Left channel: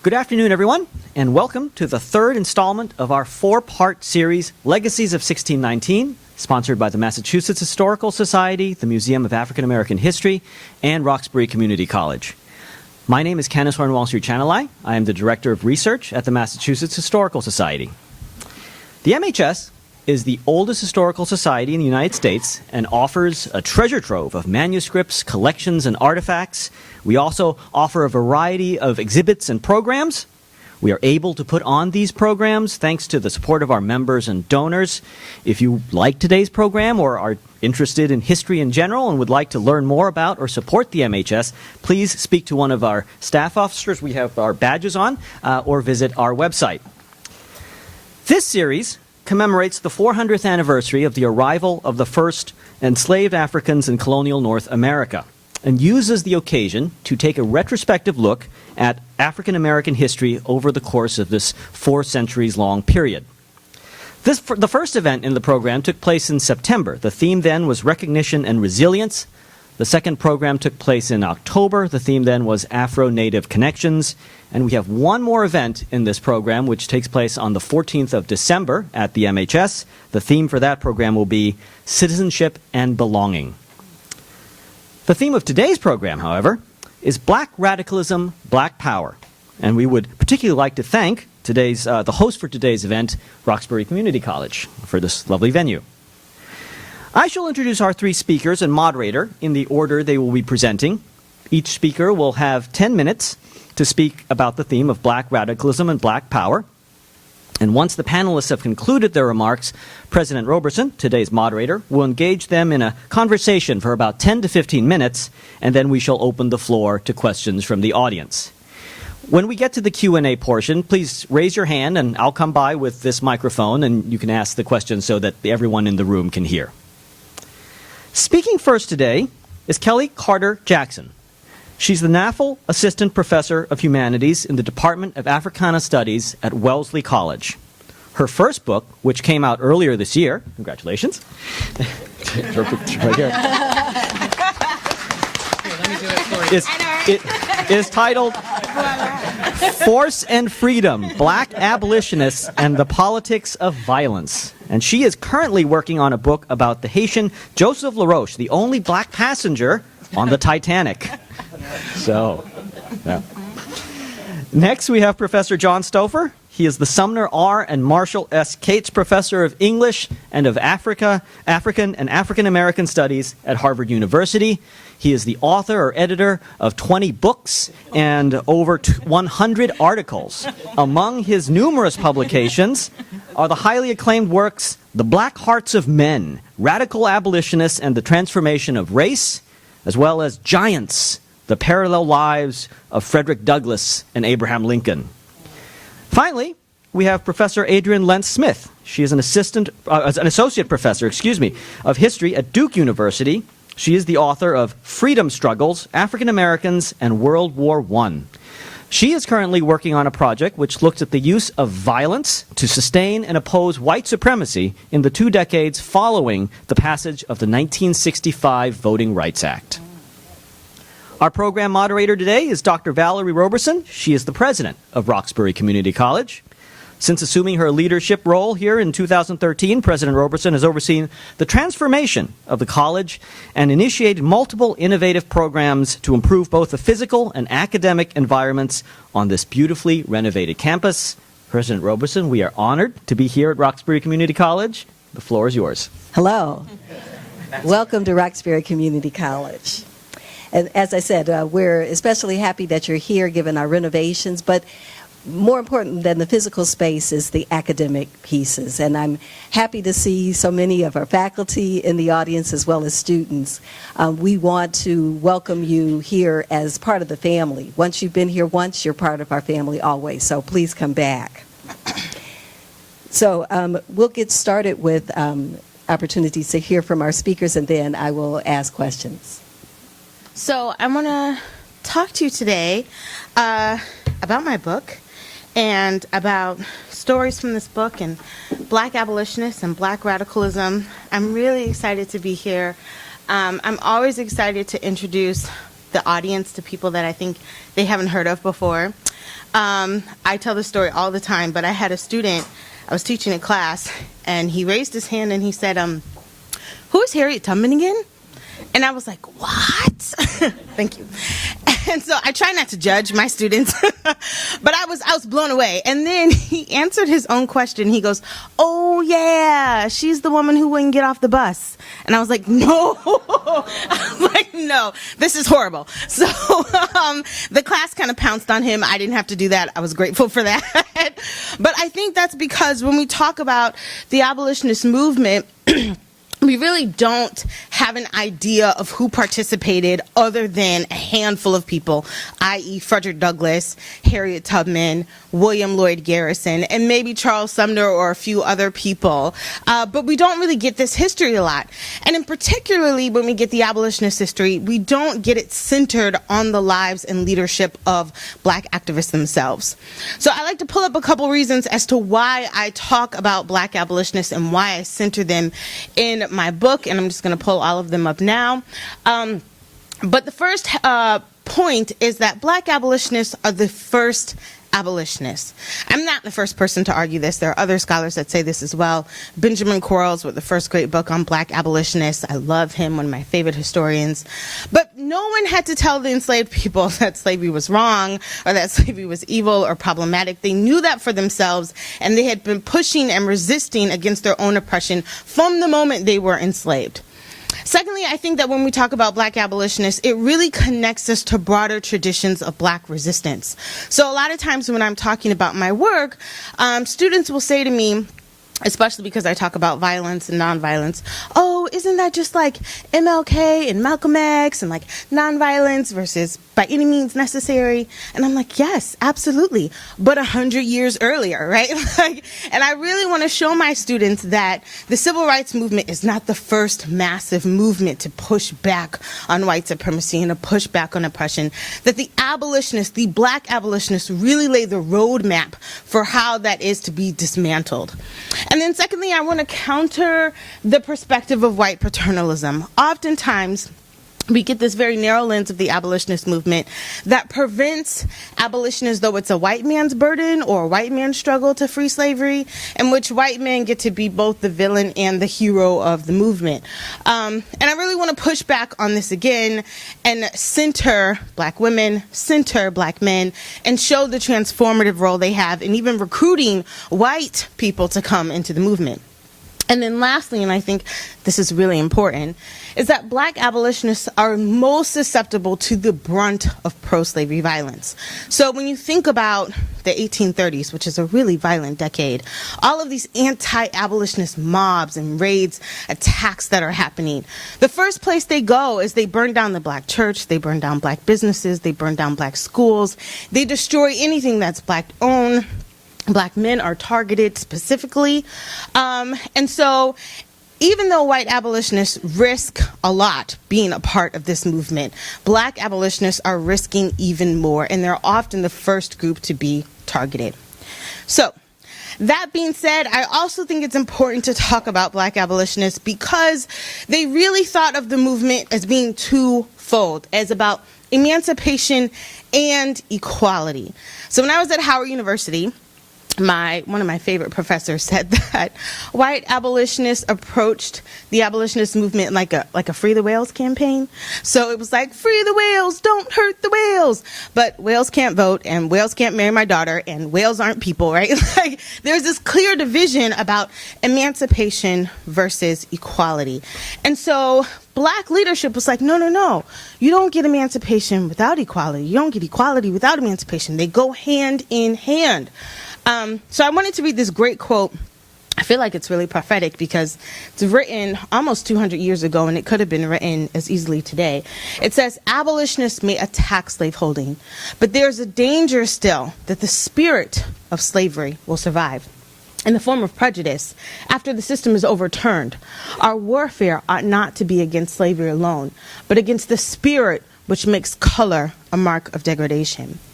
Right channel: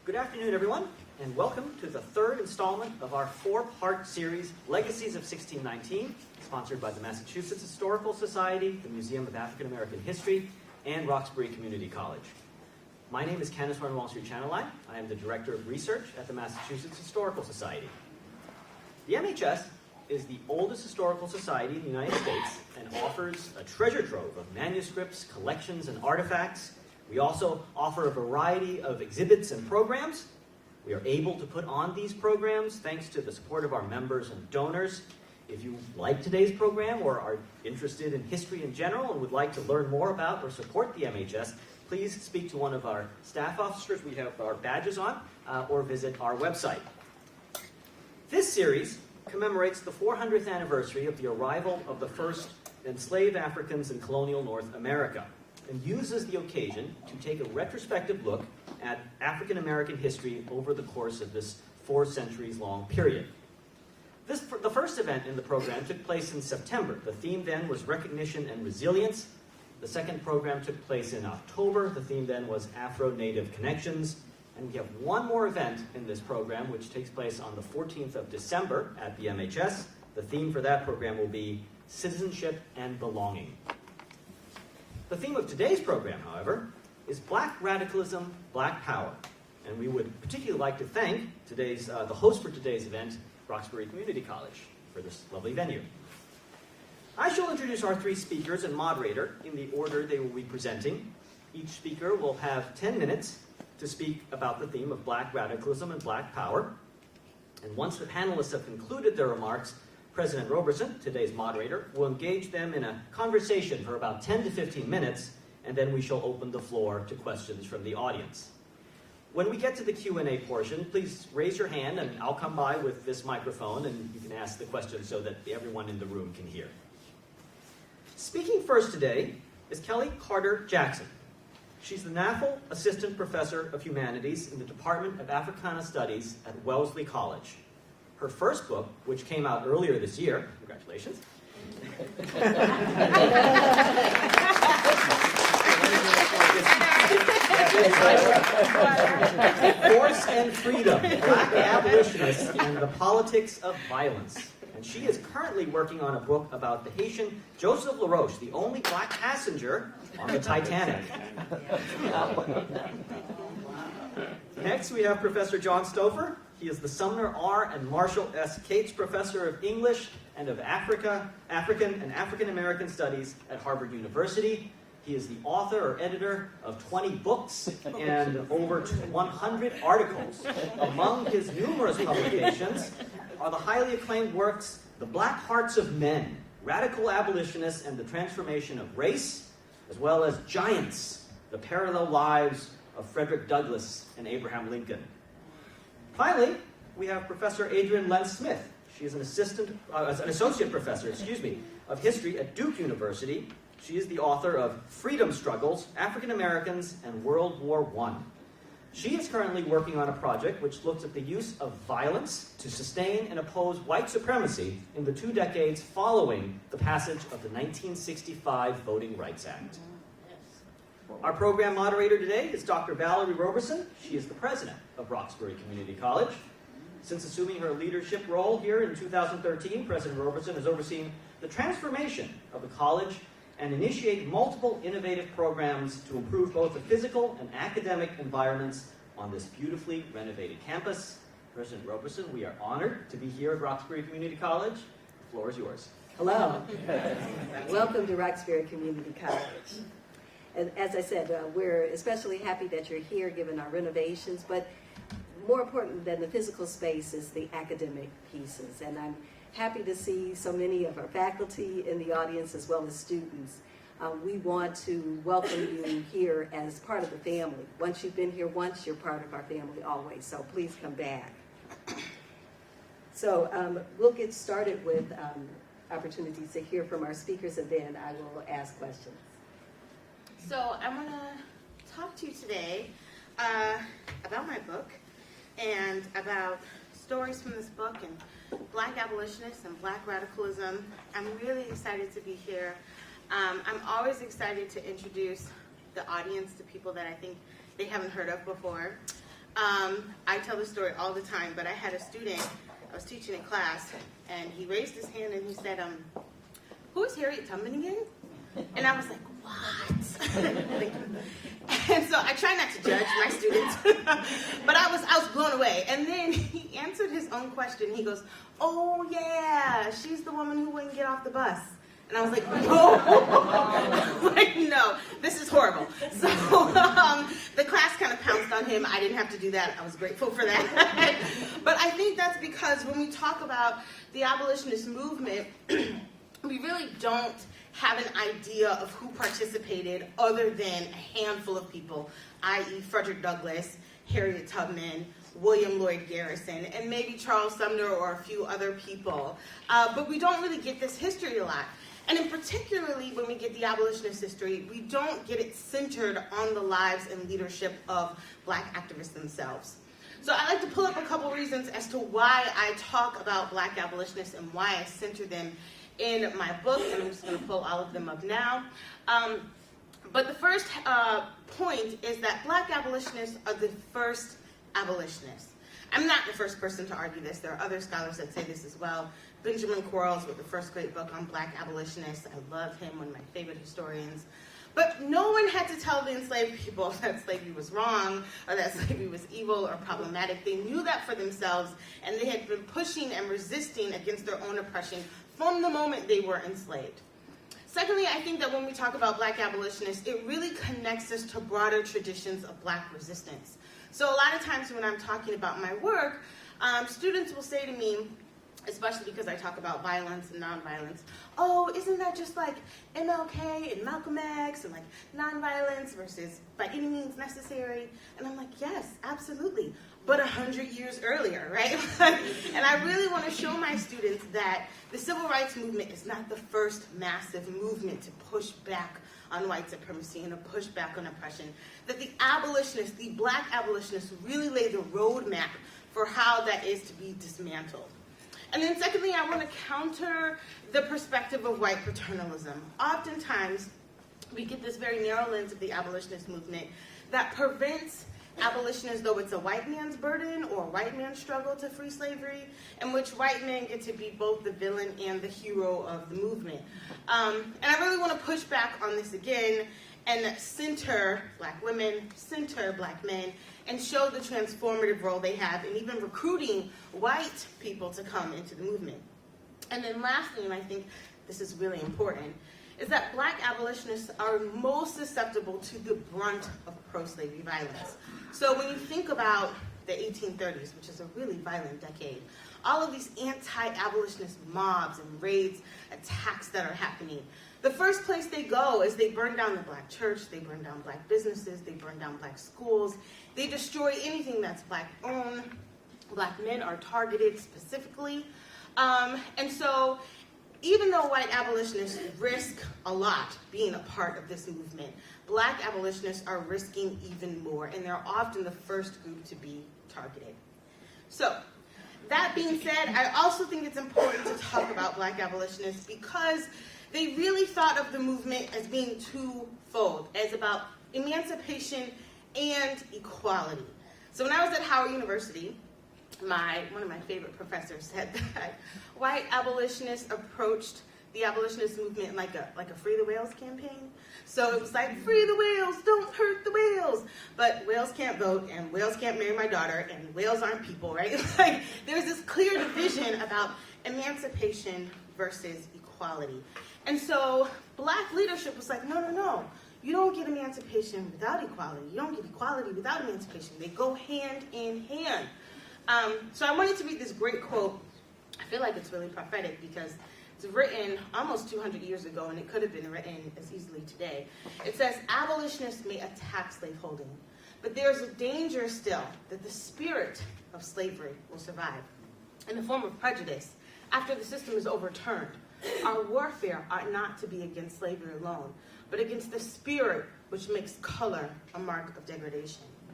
Good afternoon, everyone, and welcome to the third installment of our four-part series, Legacies of 1619, sponsored by the Massachusetts Historical Society, the Museum of African American History, and Roxbury Community College. My name is Kenneth Horn-Walsh-Chanelai. I am the Director of Research at the Massachusetts Historical Society. The MHS is the oldest historical society in the United States and offers a treasure trove of manuscripts, collections, and artifacts. We also offer a variety of exhibits and programs. We are able to put on these programs thanks to the support of our members and donors. If you like today's program or are interested in history in general and would like to learn more about or support the MHS, please speak to one of our staff officers. We have our badges on, or visit our website. This series commemorates the 400th anniversary of the arrival of the first enslaved Africans in colonial North America, and uses the occasion to take a retrospective look at African American history over the course of this 4 centuries long period. The first event in the program took place in September. The theme then was recognition and resilience. The second program took place in October. The theme then was Afro-Native connections. And we have one more event in this program, which takes place on the 14th of December at the MHS. The theme for that program will be citizenship and belonging. The theme of today's program, however, is Black Radicalism, Black Power. And we would particularly like to thank the host for today's event, Roxbury Community College, for this lovely venue. I shall introduce our 3 speakers and moderator in the order they will be presenting. Each speaker will have 10 minutes to speak about the theme of Black Radicalism and Black Power. And once the panelists have concluded their remarks, President Roberson, today's moderator, will engage them in a conversation for about 10 to 15 minutes, and then we shall open the floor to questions from the audience. When we get to the Q&A portion, please raise your hand, and I'll come by with this microphone, and you can ask the question so that everyone in the room can hear. Speaking first today is Kellie Carter Jackson. She's the NAFL Assistant Professor of Humanities in the Department of Africana Studies at Wellesley College. Her first book, which came out earlier this year, congratulations, is titled Force and Freedom, Black Abolitionists and the Politics of Violence. And she is currently working on a book about the Haitian Joseph LaRoche, the only black passenger on the Titanic. So, yeah. Next, we have Professor John Stauffer. He is the Sumner R. and Marshall S. Cates Professor of English and of African and African American Studies at Harvard University. He is the author or editor of 20 books and over 100 articles. Among his numerous publications are the highly acclaimed works, The Black Hearts of Men, Radical Abolitionists and the Transformation of Race, as well as Giants, The Parallel Lives of Frederick Douglass and Abraham Lincoln. Finally, we have Professor Adrienne Lentz-Smith. She is an associate professor, of history at Duke University. She is the author of Freedom Struggles, African Americans and World War I. She is currently working on a project which looks at the use of violence to sustain and oppose white supremacy in the 2 decades following the passage of the 1965 Voting Rights Act. Our program moderator today is Dr. Valerie Roberson. She is the president of Roxbury Community College. Since assuming her leadership role here in 2013, President Roberson has overseen the transformation of the college and initiated multiple innovative programs to improve both the physical and academic environments on this beautifully renovated campus. President Roberson, we are honored to be here at Roxbury Community College. The floor is yours. Hello. Welcome to Roxbury Community College. And as I said, we're especially happy that you're here given our renovations, but more important than the physical space is the academic pieces. And I'm happy to see so many of our faculty in the audience as well as students. We want to welcome you here as part of the family. Once you've been here once, you're part of our family always, so please come back. So we'll get started with opportunities to hear from our speakers, and then I will ask questions. So I want to talk to you today about my book and about stories from this book and Black abolitionists and Black radicalism. I'm really excited to be here. I'm always excited to introduce the audience to people that I think they haven't heard of before. I tell this story all the time, but I had a student, I was teaching a class, and he raised his hand and he said, who is Harriet Tubman again? And I was like, what? Thank you. And so I try not to judge my students, but I was blown away. And then he answered his own question. He goes, oh yeah, she's the woman who wouldn't get off the bus. And I was like, no. I was like, no, this is horrible. So the class kind of pounced on him. I didn't have to do that. I was grateful for that. But I think that's because when we talk about the abolitionist movement, we really don't have an idea of who participated other than a handful of people, i.e. Frederick Douglass, Harriet Tubman, William Lloyd Garrison, and maybe Charles Sumner or a few other people. But we don't really get this history a lot. And in particularly when we get the abolitionist history, we don't get it centered on the lives and leadership of Black activists themselves. So I like to pull up a couple reasons as to why I talk about Black abolitionists and why I center them in my book, and I'm just going to pull all of them up now. But the first point is that Black abolitionists are the first abolitionists. I'm not the first person to argue this. There are other scholars that say this as well. Benjamin Quarles wrote the first great book on Black abolitionists. I love him, one of my favorite historians. But no one had to tell the enslaved people that slavery was wrong or that slavery was evil or problematic. They knew that for themselves, and they had been pushing and resisting against their own oppression from the moment they were enslaved. Secondly, I think that when we talk about Black abolitionists, it really connects us to broader traditions of Black resistance. So a lot of times when I'm talking about my work, students will say to me, especially because I talk about violence and nonviolence, oh, isn't that just like MLK and Malcolm X and like nonviolence versus by any means necessary? And I'm like, yes, absolutely, but 100 years earlier, right? And I really want to show my students that the civil rights movement is not the first massive movement to push back on white supremacy and to push back on oppression, that the abolitionists, the Black abolitionists, really lay the roadmap for how that is to be dismantled. And then secondly, I want to counter the perspective of white paternalism. Oftentimes, we get this very narrow lens of the abolitionist movement that prevents abolition as though it's a white man's burden or a white man's struggle to free slavery, in which white men get to be both the villain and the hero of the movement. And I really want to push back on this again and center Black women, center Black men, and show the transformative role they have in even recruiting white people to come into the movement. And then lastly, and I think this is really important, is that Black abolitionists are most susceptible to the brunt of pro-slavery violence. So when you think about the 1830s, which is a really violent decade, all of these anti-abolitionist mobs and raids, attacks that are happening, the first place they go is they burn down the Black church, they burn down Black businesses, they burn down Black schools, they destroy anything that's Black-owned. Black men are targeted specifically. And so even though white abolitionists risk a lot being a part of this movement, Black abolitionists are risking even more, and they're often the first group to be targeted. So that being said, I also think it's important to talk about Black abolitionists because they really thought of the movement as being twofold, as about emancipation and equality. So when I was at Howard University, one of my favorite professors said that white abolitionists approached the abolitionist movement like a Free the Whales campaign. So it was like, free the whales, don't hurt the whales. But whales can't vote, and whales can't marry my daughter, and whales aren't people, right? Like, there's this clear division about emancipation versus equality. And so Black leadership was like, no, no, no. You don't get emancipation without equality. You don't get equality without emancipation. They go hand in hand. So I wanted to read this great quote. I feel like it's really prophetic because it's written almost 200 years ago, and it could have been written as easily today. It says, abolitionists may attack slaveholding, but there's a danger still that the spirit of slavery will survive in the form of prejudice after the system is overturned. Our warfare ought not to be against slavery alone, but against the spirit which makes color a mark of degradation.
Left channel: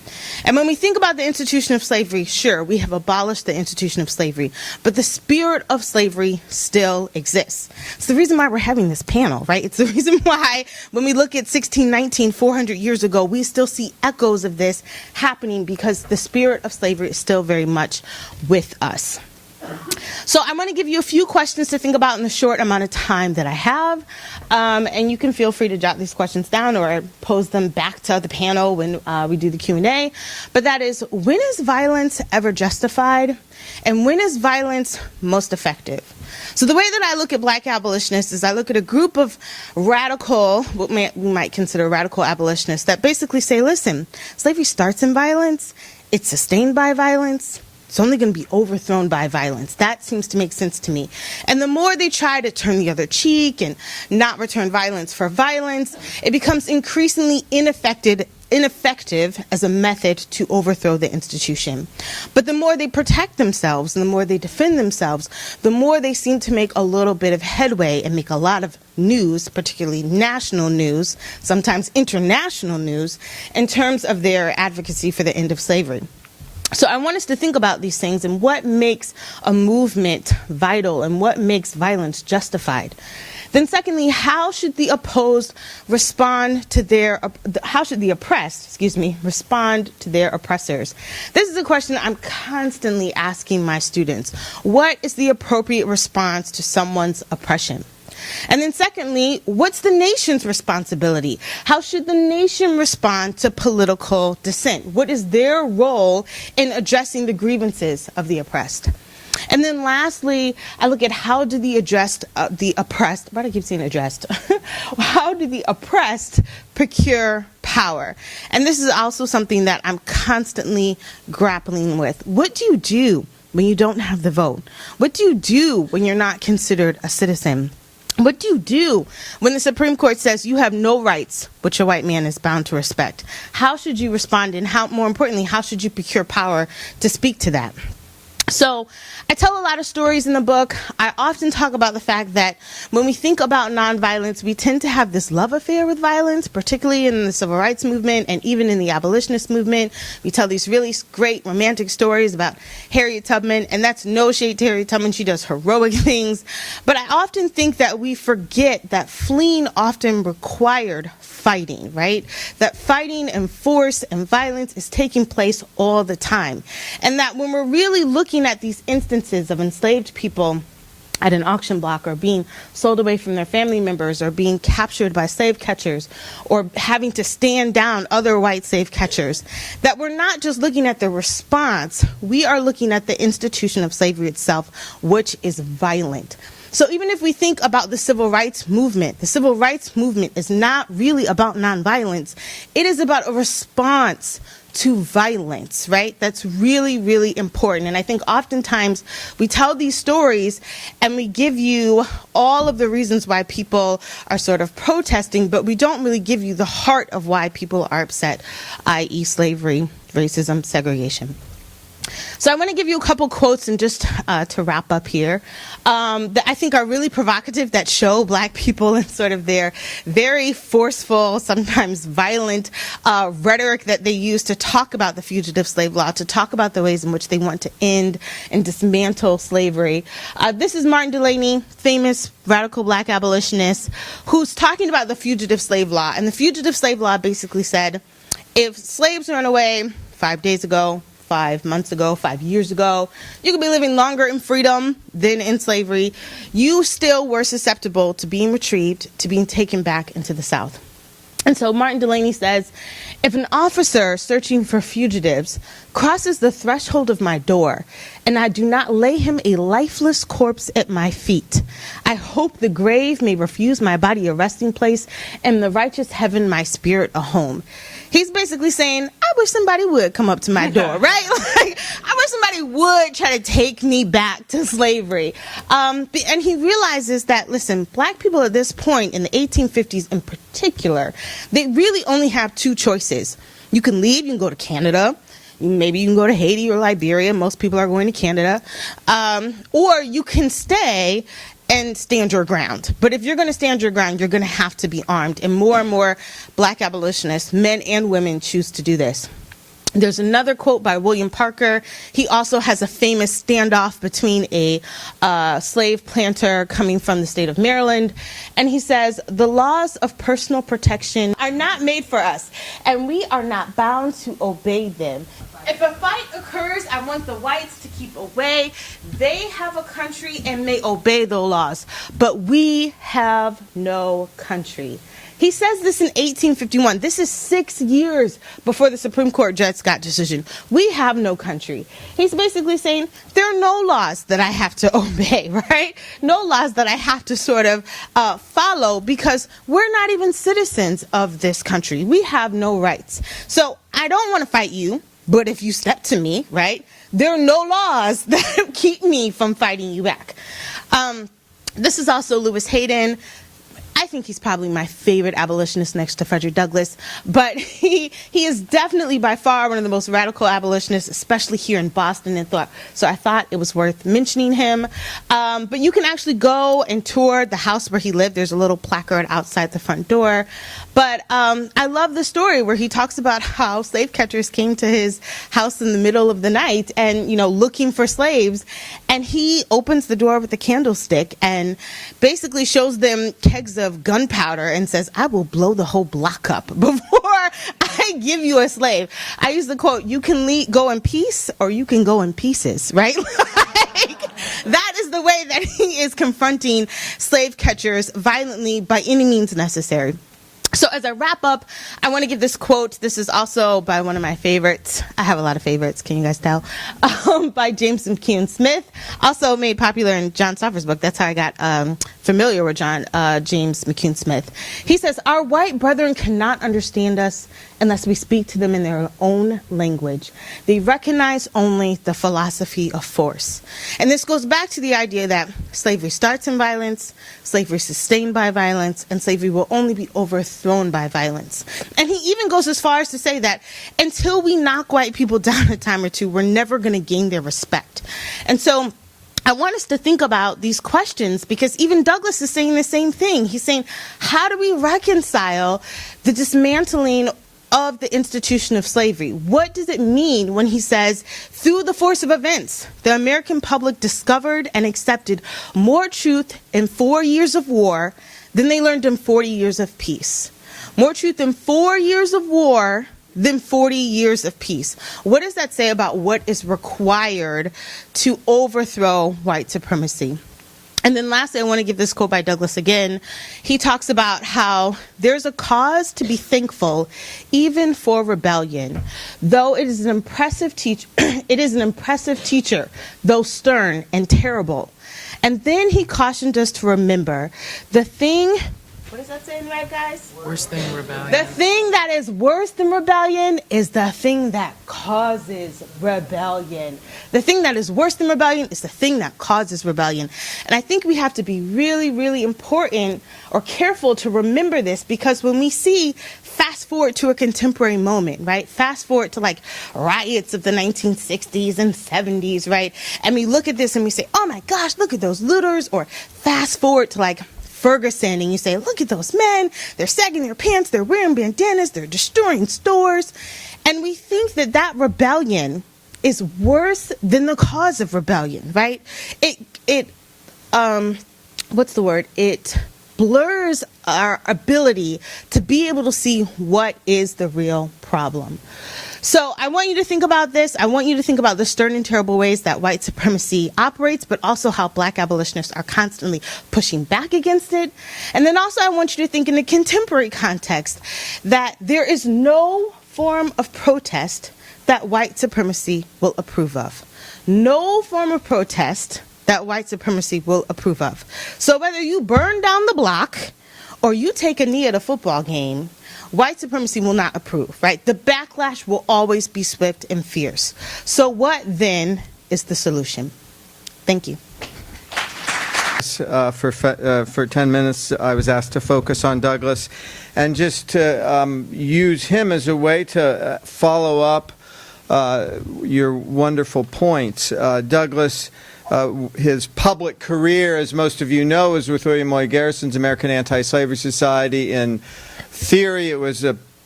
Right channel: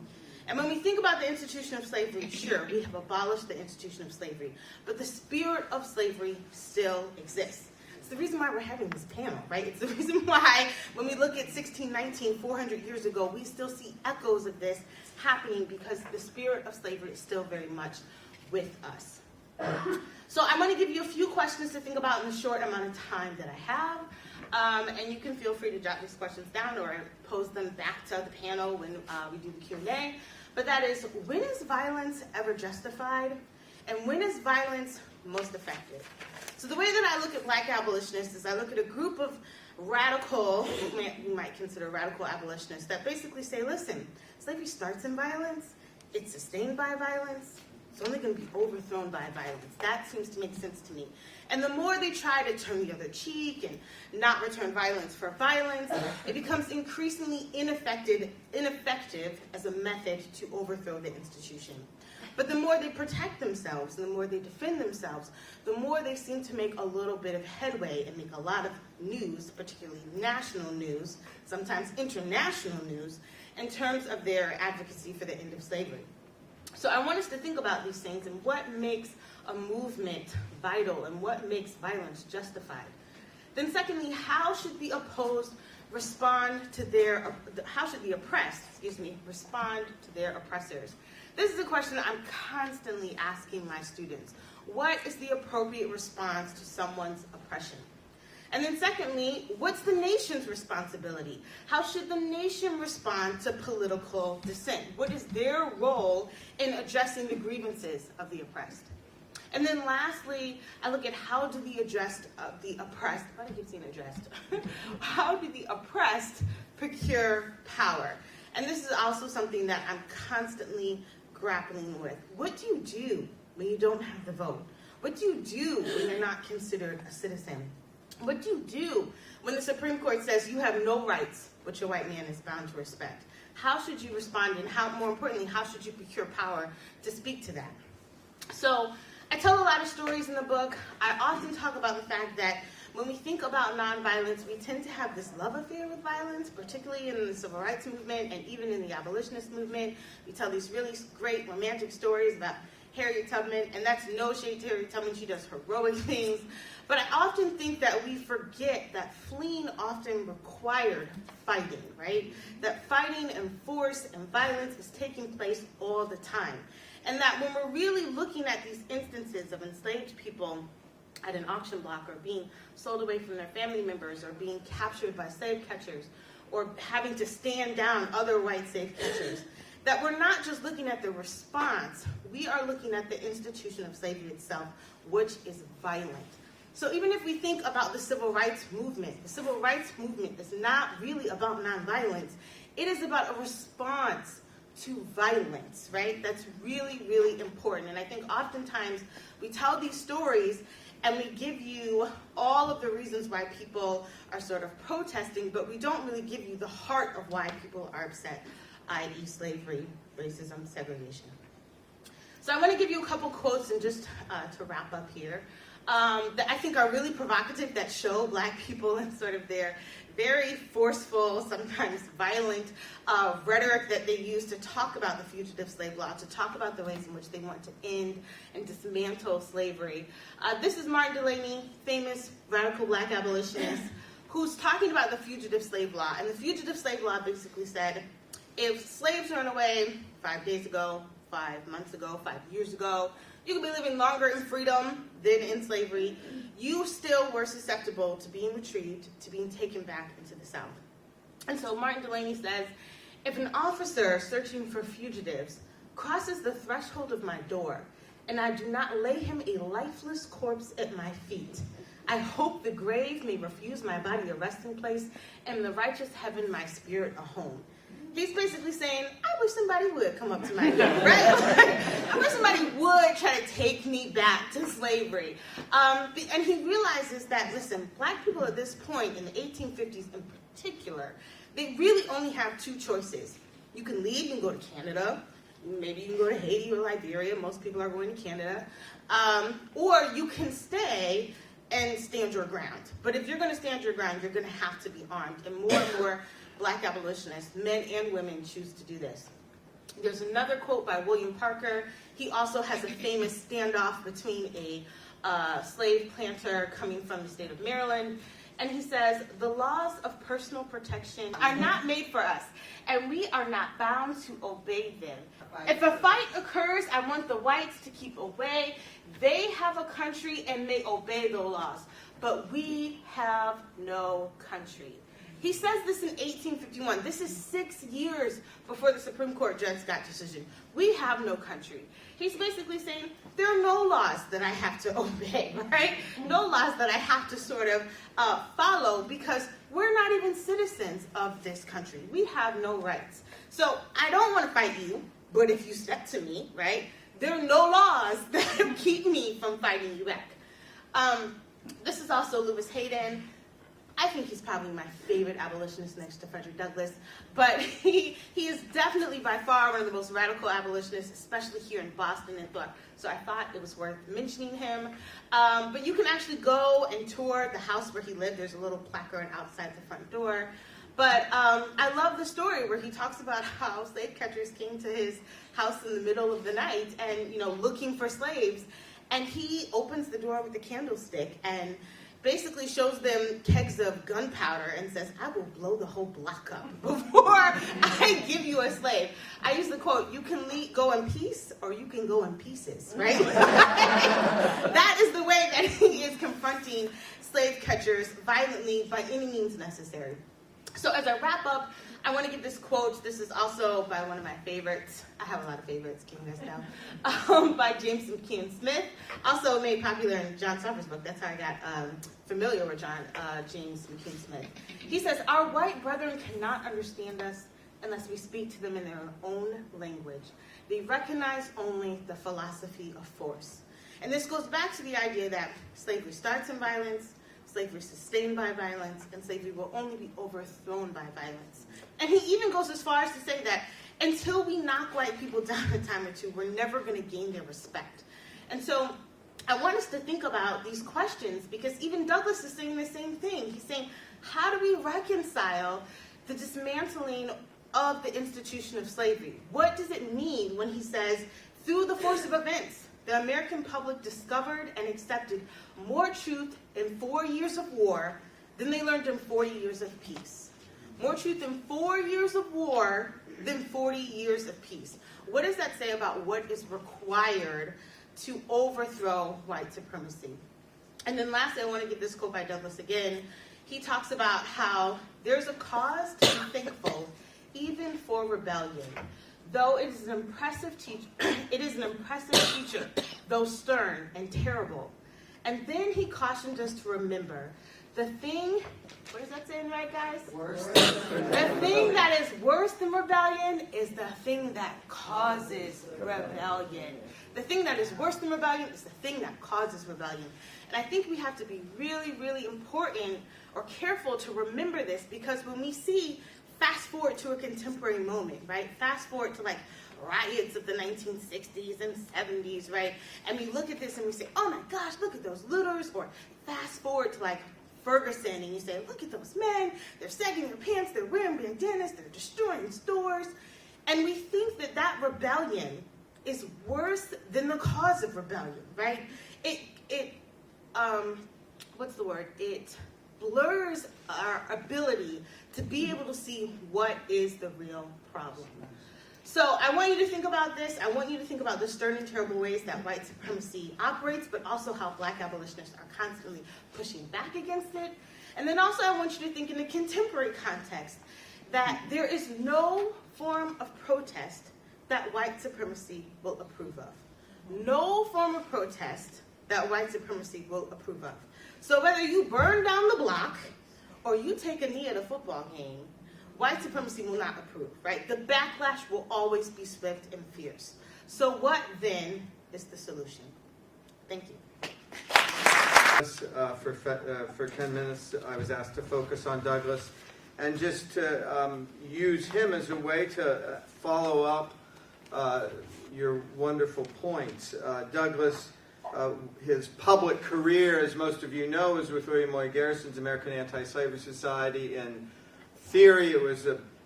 And when we think about the institution of slavery, sure, we have abolished the institution of slavery, but the spirit of slavery still exists. It's the reason why we're having this panel, right? It's the reason why when we look at 1619, 400 years ago, we still see echoes of this happening because the spirit of slavery is still very much with us. So I'm going to give you a few questions to think about in the short amount of time that I have. And you can feel free to jot these questions down or pose them back to the panel when we do the Q&A. But that is, when is violence ever justified? And when is violence most effective? So the way that I look at black abolitionists is I look at a group of radical, what we might consider radical abolitionists, that basically say, listen, slavery starts in violence, it's sustained by violence, it's only going to be overthrown by violence. That seems to make sense to me. And the more they try to turn the other cheek and not return violence for violence, it becomes increasingly ineffective as a method to overthrow the institution. But the more they protect themselves and the more they defend themselves, the more they seem to make a little bit of headway and make a lot of news, particularly national news, sometimes international news, in terms of their advocacy for the end of slavery. So I want us to think about these things and what makes a movement vital and what makes violence justified. Then secondly, how should the opposed respond to their, how should the oppressed, respond to their oppressors? This is a question I'm constantly asking my students. What is the appropriate response to someone's oppression? And then secondly, what's the nation's responsibility? How should the nation respond to political dissent? What is their role in addressing the grievances of the oppressed? And then lastly, I look at how do the oppressed, why do I keep saying addressed? How do the oppressed procure power? And this is also something that I'm constantly grappling with. What do you do when you don't have the vote? What do you do when you're not considered a citizen? What do you do when the Supreme Court says you have no rights, which a white man is bound to respect? How should you respond, and how, more importantly, how should you procure power to speak to that? So I tell a lot of stories in the book. I often talk about the fact that when we think about nonviolence, we tend to have this love affair with violence, particularly in the civil rights movement and even in the abolitionist movement. We tell these really great romantic stories about Harriet Tubman, and that's no shade to Harriet Tubman. She does heroic things. But I often think that we forget that fleeing often required fighting, right? That fighting and force and violence is taking place all the time. And that when we're really looking at these instances of enslaved people at an auction block, or being sold away from their family members, or being captured by slave catchers, or having to stand down other white slave catchers, that we're not just looking at the response, we are looking at the institution of slavery itself, which is violent. So even if we think about the civil rights movement is not really about nonviolence. It is about a response to violence, right? That's really, really important. And I think oftentimes we tell these stories and we give you all of the reasons why people are sort of protesting, but we don't really give you the heart of why people are upset, i.e. slavery, racism, segregation. So I want to give you a couple quotes and just to wrap up here that I think are really provocative, that show black people and sort of their very forceful, sometimes violent rhetoric that they use to talk about the fugitive slave law, to talk about the ways in which they want to end and dismantle slavery. This is Martin Delany, famous radical black abolitionist, who's talking about the fugitive slave law. And the fugitive slave law basically said, if slaves run away 5 days ago, 5 months ago, 5 years ago, you could be living longer in freedom than in slavery. You still were susceptible to being retrieved, to being taken back into the South. And so Martin Delany says, if an officer searching for fugitives crosses the threshold of my door and I do not lay him a lifeless corpse at my feet, I hope the grave may refuse my body a resting place and the righteous heaven my spirit a home. He's basically saying, I wish somebody would come up to my door, right? Like, I wish somebody would try to take me back to slavery. And he realizes that, listen, black people at this point, in the 1850s in particular, they really only have two choices. You can leave, you can go to Canada, maybe you can go to Haiti or Liberia, most people are going to Canada, or you can stay and stand your ground. But if you're going to stand your ground, you're going to have to be armed. And more black abolitionists, men and women, choose to do this. There's another quote by William Parker. He also has a famous standoff between a slave planter coming from the state of Maryland. And he says, the laws of personal protection are not made for us, and we are not bound to obey them. If a fight occurs, I want the whites to keep away. They have a country and may obey the laws, but we have no country. He says this in 1851. This is 6 years before the Supreme Court Dred Scott decision. We have no country. He's basically saying there are no laws that I have to obey, right? No laws that I have to sort of follow, because we're not even citizens of this country. We have no rights. So I don't want to fight you, but if you step to me, right, there are no laws that keep me from fighting you back. This is also Lewis Hayden. I think he's probably my favorite abolitionist next to Frederick Douglass, but he is definitely by far one of the most radical abolitionists, especially here in Boston, so I thought it was worth mentioning him. But you can actually go and tour the house where he lived. There's a little placard outside the front door. But I love the story where he talks about how slave catchers came to his house in the middle of the night and, looking for slaves. And he opens the door with a candlestick and basically shows them kegs of gunpowder and says, I will blow the whole block up before I give you a slave. I use the quote, you can go in peace or you can go in pieces, right? That is the way that he is confronting slave catchers violently by any means necessary. So as I wrap up, I want to give this quote. This is also by one of my favorites. I have a lot of favorites, can you guys tell? By James McCune Smith, also made popular in John Stauffer's book. That's how I got familiar with James McCune Smith. He says, our white brethren cannot understand us unless we speak to them in their own language. They recognize only the philosophy of force. And this goes back to the idea that slavery starts in violence, slavery is sustained by violence, and slavery will only be overthrown by violence. And he even goes as far as to say that until we knock white people down a time or two, we're never going to gain their respect. And so I want us to think about these questions, because even Douglass is saying the same thing. He's saying, how do we reconcile the dismantling of the institution of slavery? What does it mean when he says, through the force of events, the American public discovered and accepted more truth in 4 years of war than they learned in 40 years of peace? More truth in 4 years of war than 40 years of peace. What does that say about what is required to overthrow white supremacy? And then lastly, I want to give this quote by Douglass again. He talks about how there's a cause to be thankful even for rebellion. Though it is an impressive teacher, though stern and terrible. And then he cautioned us to remember the thing, what does that say in the right, guys? Worse than rebellion. The thing that is worse than rebellion is the thing that causes rebellion. The thing that is worse than rebellion is the thing that causes rebellion. And I think we have to be really, really important or careful to remember this, because when we see, fast forward to a contemporary moment, right? Fast forward to like riots of the 1960s and 70s, right? And we look at this and we say, oh my gosh, look at those looters. Or fast forward to like Ferguson, and you say, look at those men, they're sagging their pants, they're wearing bandanas, they're destroying stores. And we think that that rebellion is worse than the cause of rebellion, right? It blurs our ability to be able to see what is the real problem. So I want you to think about this. I want you to think about the stern and terrible ways that white supremacy operates, but also how black abolitionists are constantly pushing back against it. And then also I want you to think in a contemporary context that there is no form of protest that white supremacy will approve of. No form of protest that white supremacy will approve of. So whether you burn down the block or you take a knee at a football game, white supremacy will not approve, right? The backlash will always be swift and fierce. So what then is the solution? Thank you. For 10 minutes, I was asked to focus on Douglass and just to use him as a way to follow up your wonderful points. Douglass, his public career, as most of you know, is with William Lloyd Garrison's American Anti-Slavery Society. In theory, it was a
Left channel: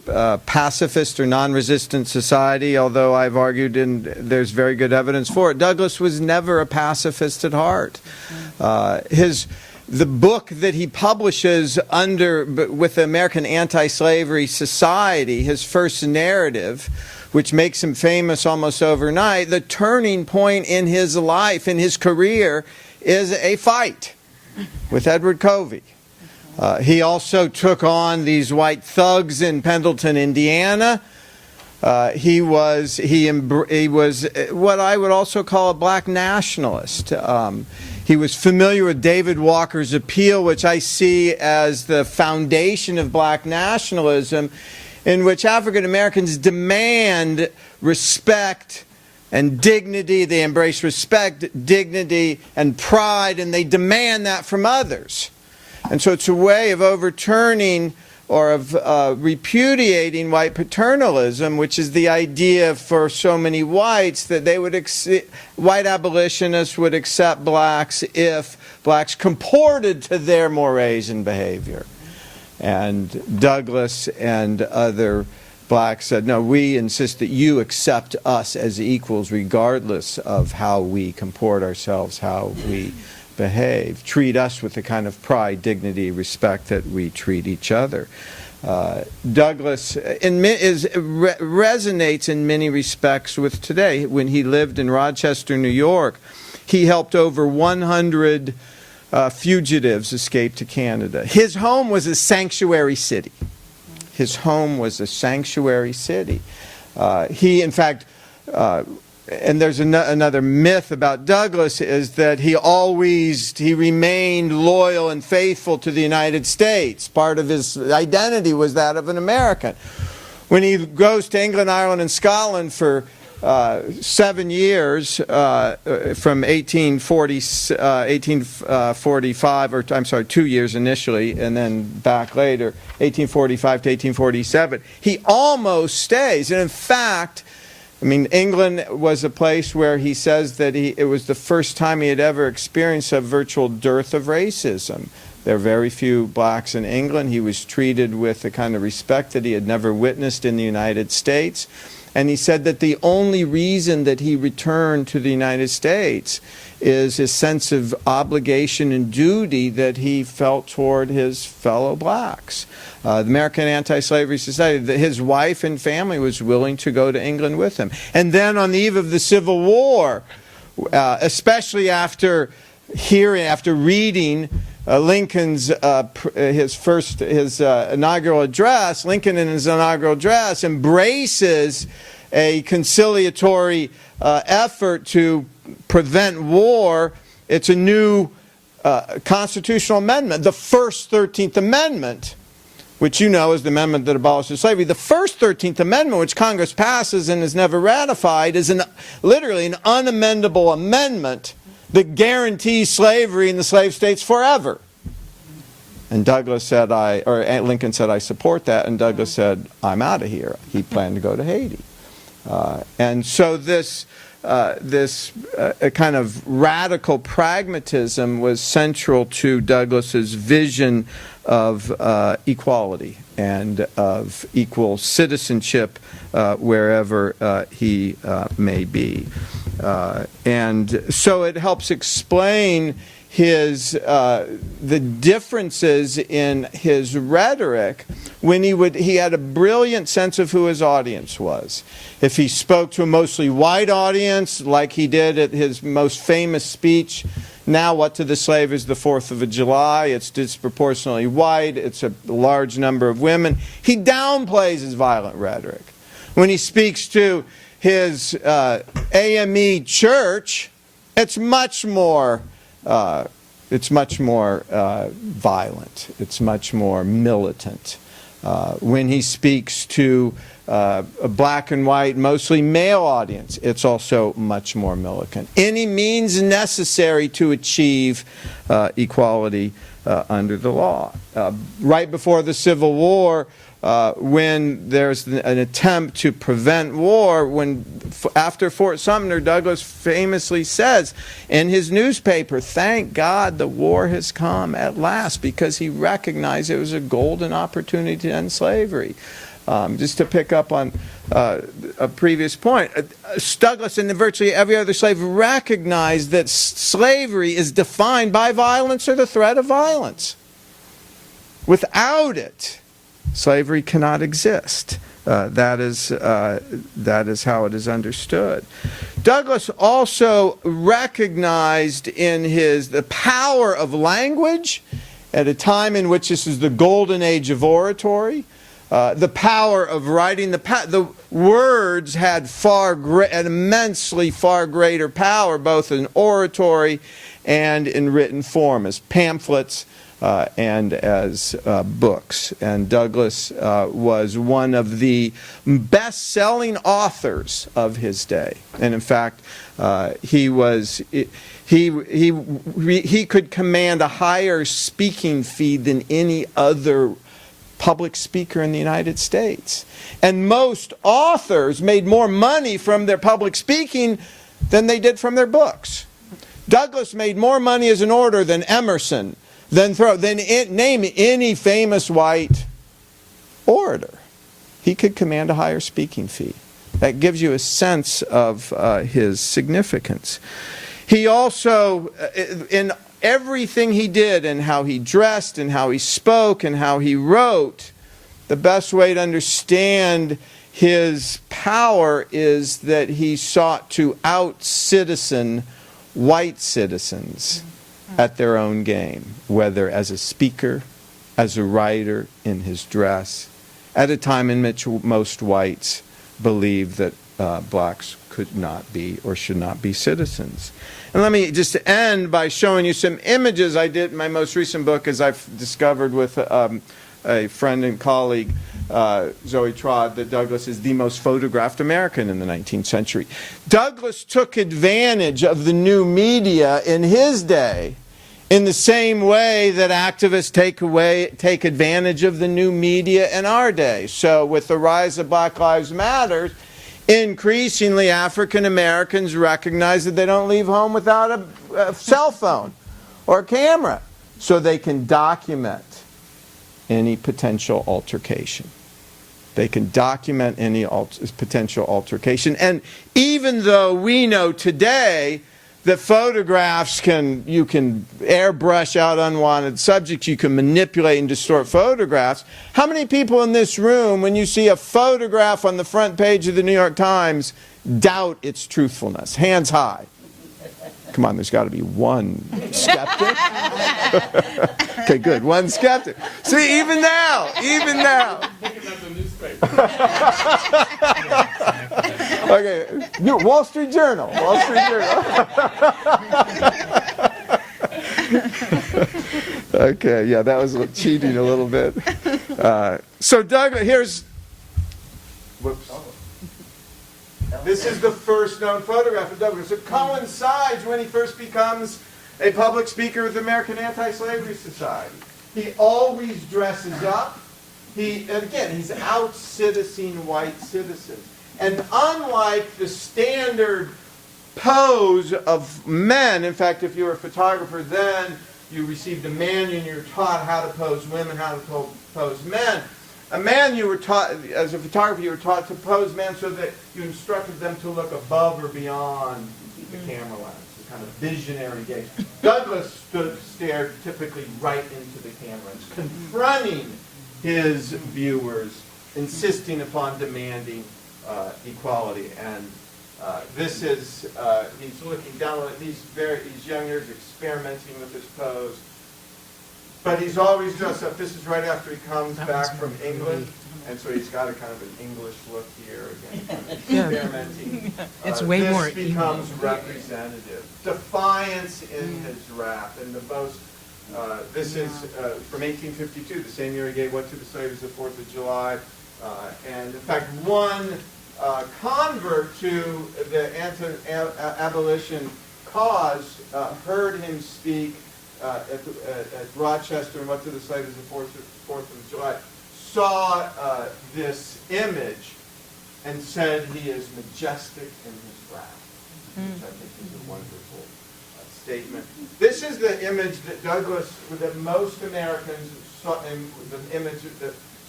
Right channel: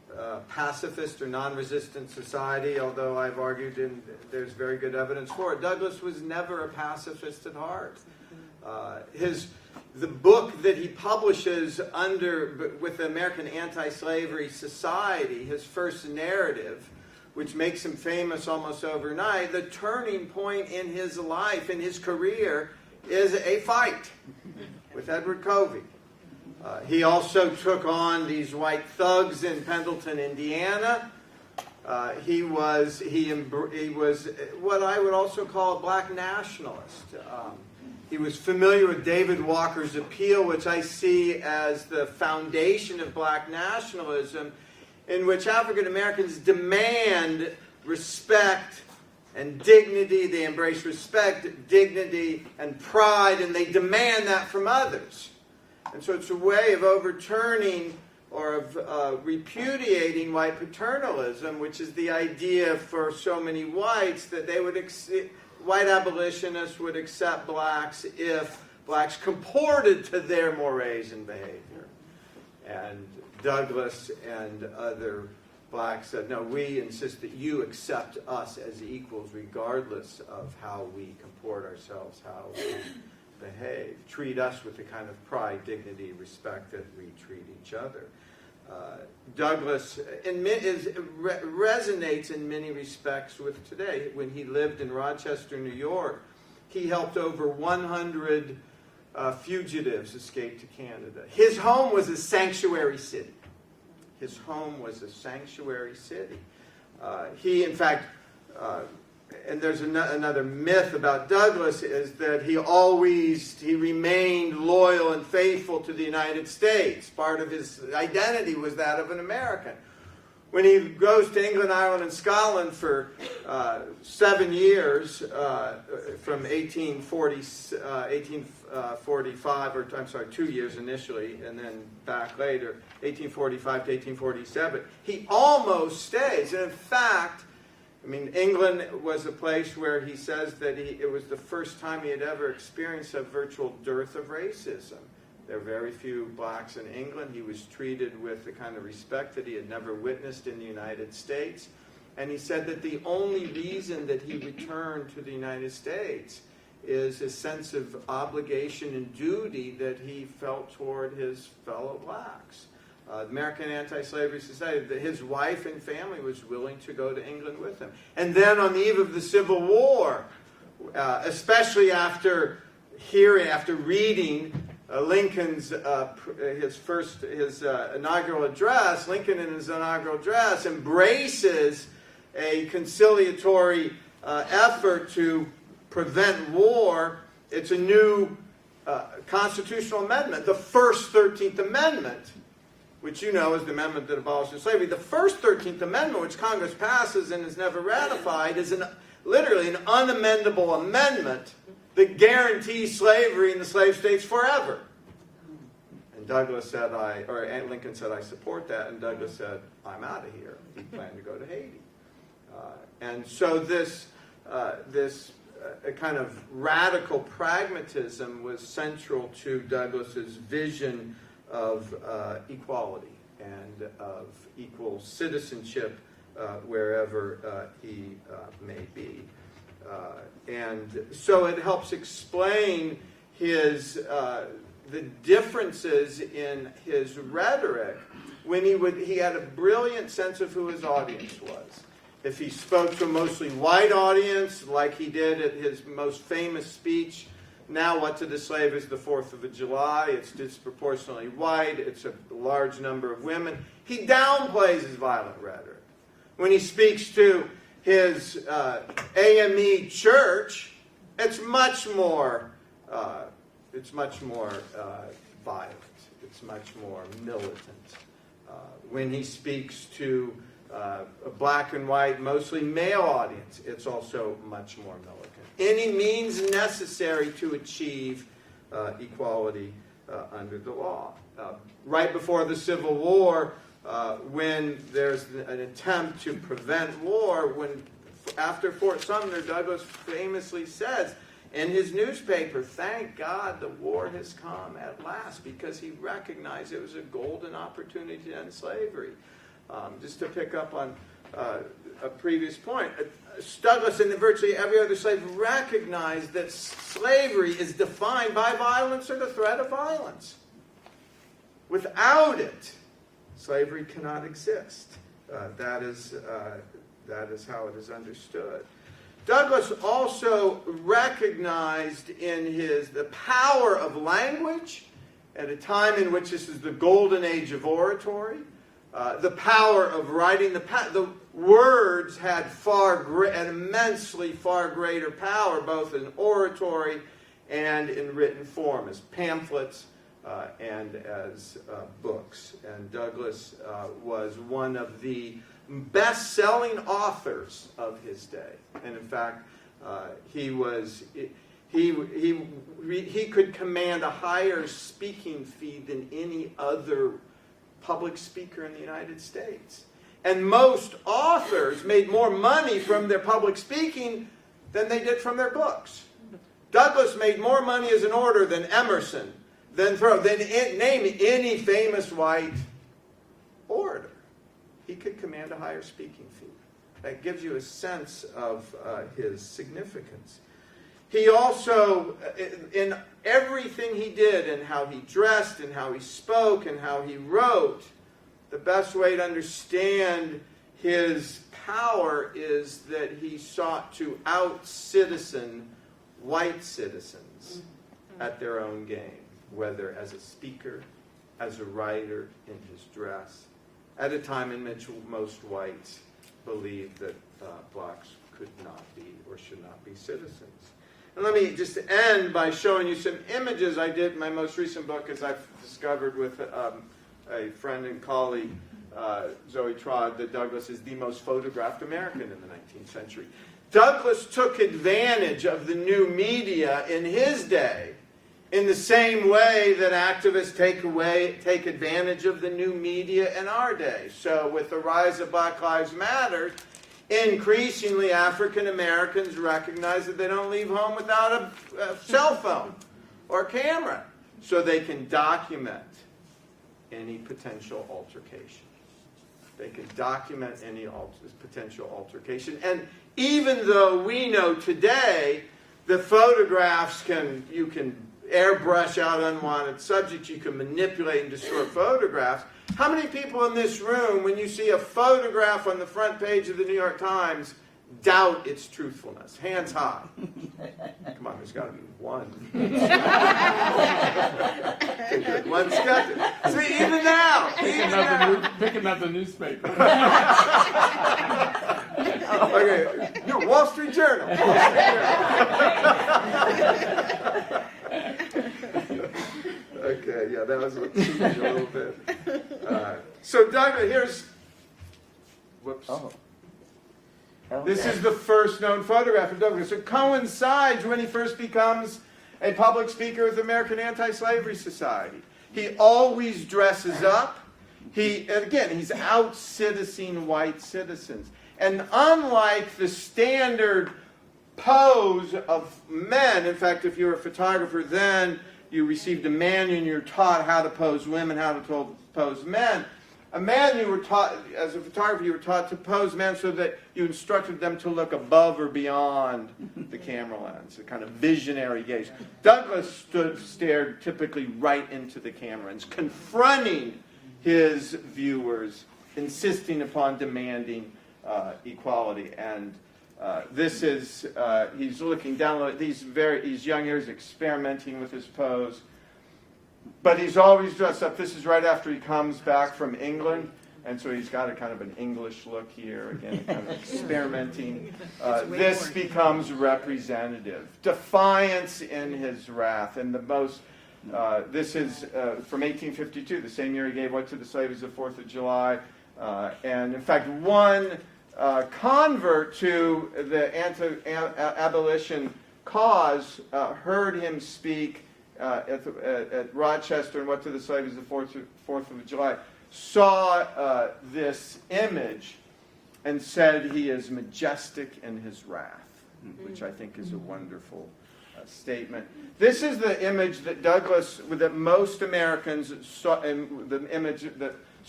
pacifist or non-resistant society, although I've argued and there's very good evidence for it. Douglass was never a pacifist at heart. The book that he publishes with the American Anti-Slavery Society, his first narrative, which makes him famous almost overnight, the turning point in his life, in his career, is a fight with Edward Covey. He also took on these white thugs in Pendleton, Indiana. He was what I would also call a black nationalist. He was familiar with David Walker's appeal, which I see as the foundation of black nationalism, in which African Americans demand respect and dignity. They embrace respect, dignity, and pride, and they demand that from others. And so it's a way of overturning or of repudiating white paternalism, which is the idea for so many whites that they would white abolitionists would accept blacks if blacks comported to their mores and behavior. And Douglass and other blacks said, no, we insist that you accept us as equals regardless of how we comport ourselves, how we behave. Treat us with the kind of pride, dignity, respect that we treat each other. Douglass resonates in many respects with today. When he lived in Rochester, New York, he helped over 100 fugitives escape to Canada. His home was a sanctuary city. His home was a sanctuary city. He, in fact, and there's another myth about Douglass, is that he remained loyal and faithful to the United States. Part of his identity was that of an American. When he goes to England, Ireland, and Scotland for 7 years, from 1845, or I'm sorry, 2 years initially, and then back later, 1845 to 1847, he almost stays. And in fact, I mean, England was a place where he says that it was the first time he had ever experienced a virtual dearth of racism. There are very few blacks in England. He was treated with the kind of respect that he had never witnessed in the United States. And he said that the only reason that he returned to the United States is his sense of obligation and duty that he felt toward his fellow blacks. The American Anti-Slavery Society, his wife and family was willing to go to England with him. And then on the eve of the Civil War, especially after reading Lincoln's inaugural address, Lincoln in his inaugural address embraces a conciliatory effort to prevent war. It's a new constitutional amendment, the first 13th Amendment, which you know is the amendment that abolishes slavery. The first 13th Amendment, which Congress passes and is never ratified, is literally an unamendable amendment that guarantees slavery in the slave states forever. And Douglass said, Lincoln said, I support that. And Douglass said, I'm out of here. He planned to go to Haiti. And so this kind of radical pragmatism was central to Douglass's vision of equality and of equal citizenship wherever he may be. And so it helps explain the differences in his rhetoric when he had a brilliant sense of who his audience was. If he spoke to a mostly white audience, like he did at his most famous speech, now what to the slave is the 4th of July, it's disproportionately white, it's a large number of women, he downplays his violent rhetoric. When he speaks to his AME church, it's much more violent. It's much more militant. When he speaks to a black and white, mostly male audience, it's also much more militant. Any means necessary to achieve equality under the law. Right before the Civil War, when there's an attempt to prevent war, after Fort Sumter, Douglass famously says in his newspaper, thank God the war has come at last, because he recognized it was a golden opportunity to end slavery. Just to pick up on a previous point, Douglass and virtually every other slave recognized that slavery is defined by violence or the threat of violence. Without it, slavery cannot exist. That is how it is understood. Douglass also recognized in the power of language at a time in which this is the golden age of oratory. The power of writing, the words had an immensely far greater power, both in oratory and in written form, as pamphlets and as books. And Douglass was one of the best-selling authors of his day. And in fact, he could command a higher speaking fee than any other public speaker in the United States. And most authors made more money from their public speaking than they did from their books. Douglass made more money as an orator than Emerson, than name any famous white orator. He could command a higher speaking fee. That gives you a sense of his significance. He also, in everything he did, and how he dressed, and how he spoke, and how he wrote, the best way to understand his power is that he sought to out-citizen white citizens at their own game, whether as a speaker, as a writer, in his dress, at a time in which most whites believed that blacks could not be or should not be citizens. And let me just end by showing you some images I did in my most recent book, as I've discovered with a friend and colleague, Zoe Trott, that Douglass is the most photographed American in the 19th century. Douglass took advantage of the new media in his day in the same way that activists take advantage of the new media in our day. So with the rise of Black Lives Matter, increasingly African Americans recognize that they don't leave home without a cell phone or a camera, so they can document any potential altercation. They can document any potential altercation. And even though we know today that photographs you can airbrush out unwanted subjects, you can manipulate and distort photographs, how many people in this room, when you see a photograph on the front page of the New York Times, doubt its truthfulness? Hands high. Come on, there's got to be one skeptic. Okay, good. One skeptic. See, even now. Picking up the newspaper. Okay, Wall Street Journal. Okay, yeah, that was cheating a little bit. So Douglas, here's. Whoops. Oh. This is the first known photograph of Douglass. It coincides when he first becomes a public speaker with the American Anti-Slavery Society. He always dresses up. And again, he's out-citizening white citizens. And unlike the standard pose of men, in fact, if you were a photographer then, you received a manual and you were taught how to pose women, how to pose men. A man, you were taught, as a photographer, you were taught to pose men so that you instructed them to look above or beyond the camera lens, the kind of visionary gaze. Douglass stared typically right into the camera, and confronting his viewers, insisting upon demanding equality. And this is, he's looking down at these young ears, experimenting with his pose. But he's always dressed up. This is right after he comes back from England. And so he's got a kind of an English look here, again, kind of experimenting. It's way this more. becomes representative. Defiance in his wrath. And the most, this is from 1852, the same year he gave what to the slaves the 4th of July. And in fact, one convert to the anti-abolition cause heard him speak at Rochester and what to the slaves the 4th of July, saw this image and said he is majestic in his wrath, which I think is a wonderful statement. This is the image that Douglass, that most Americans saw, the image that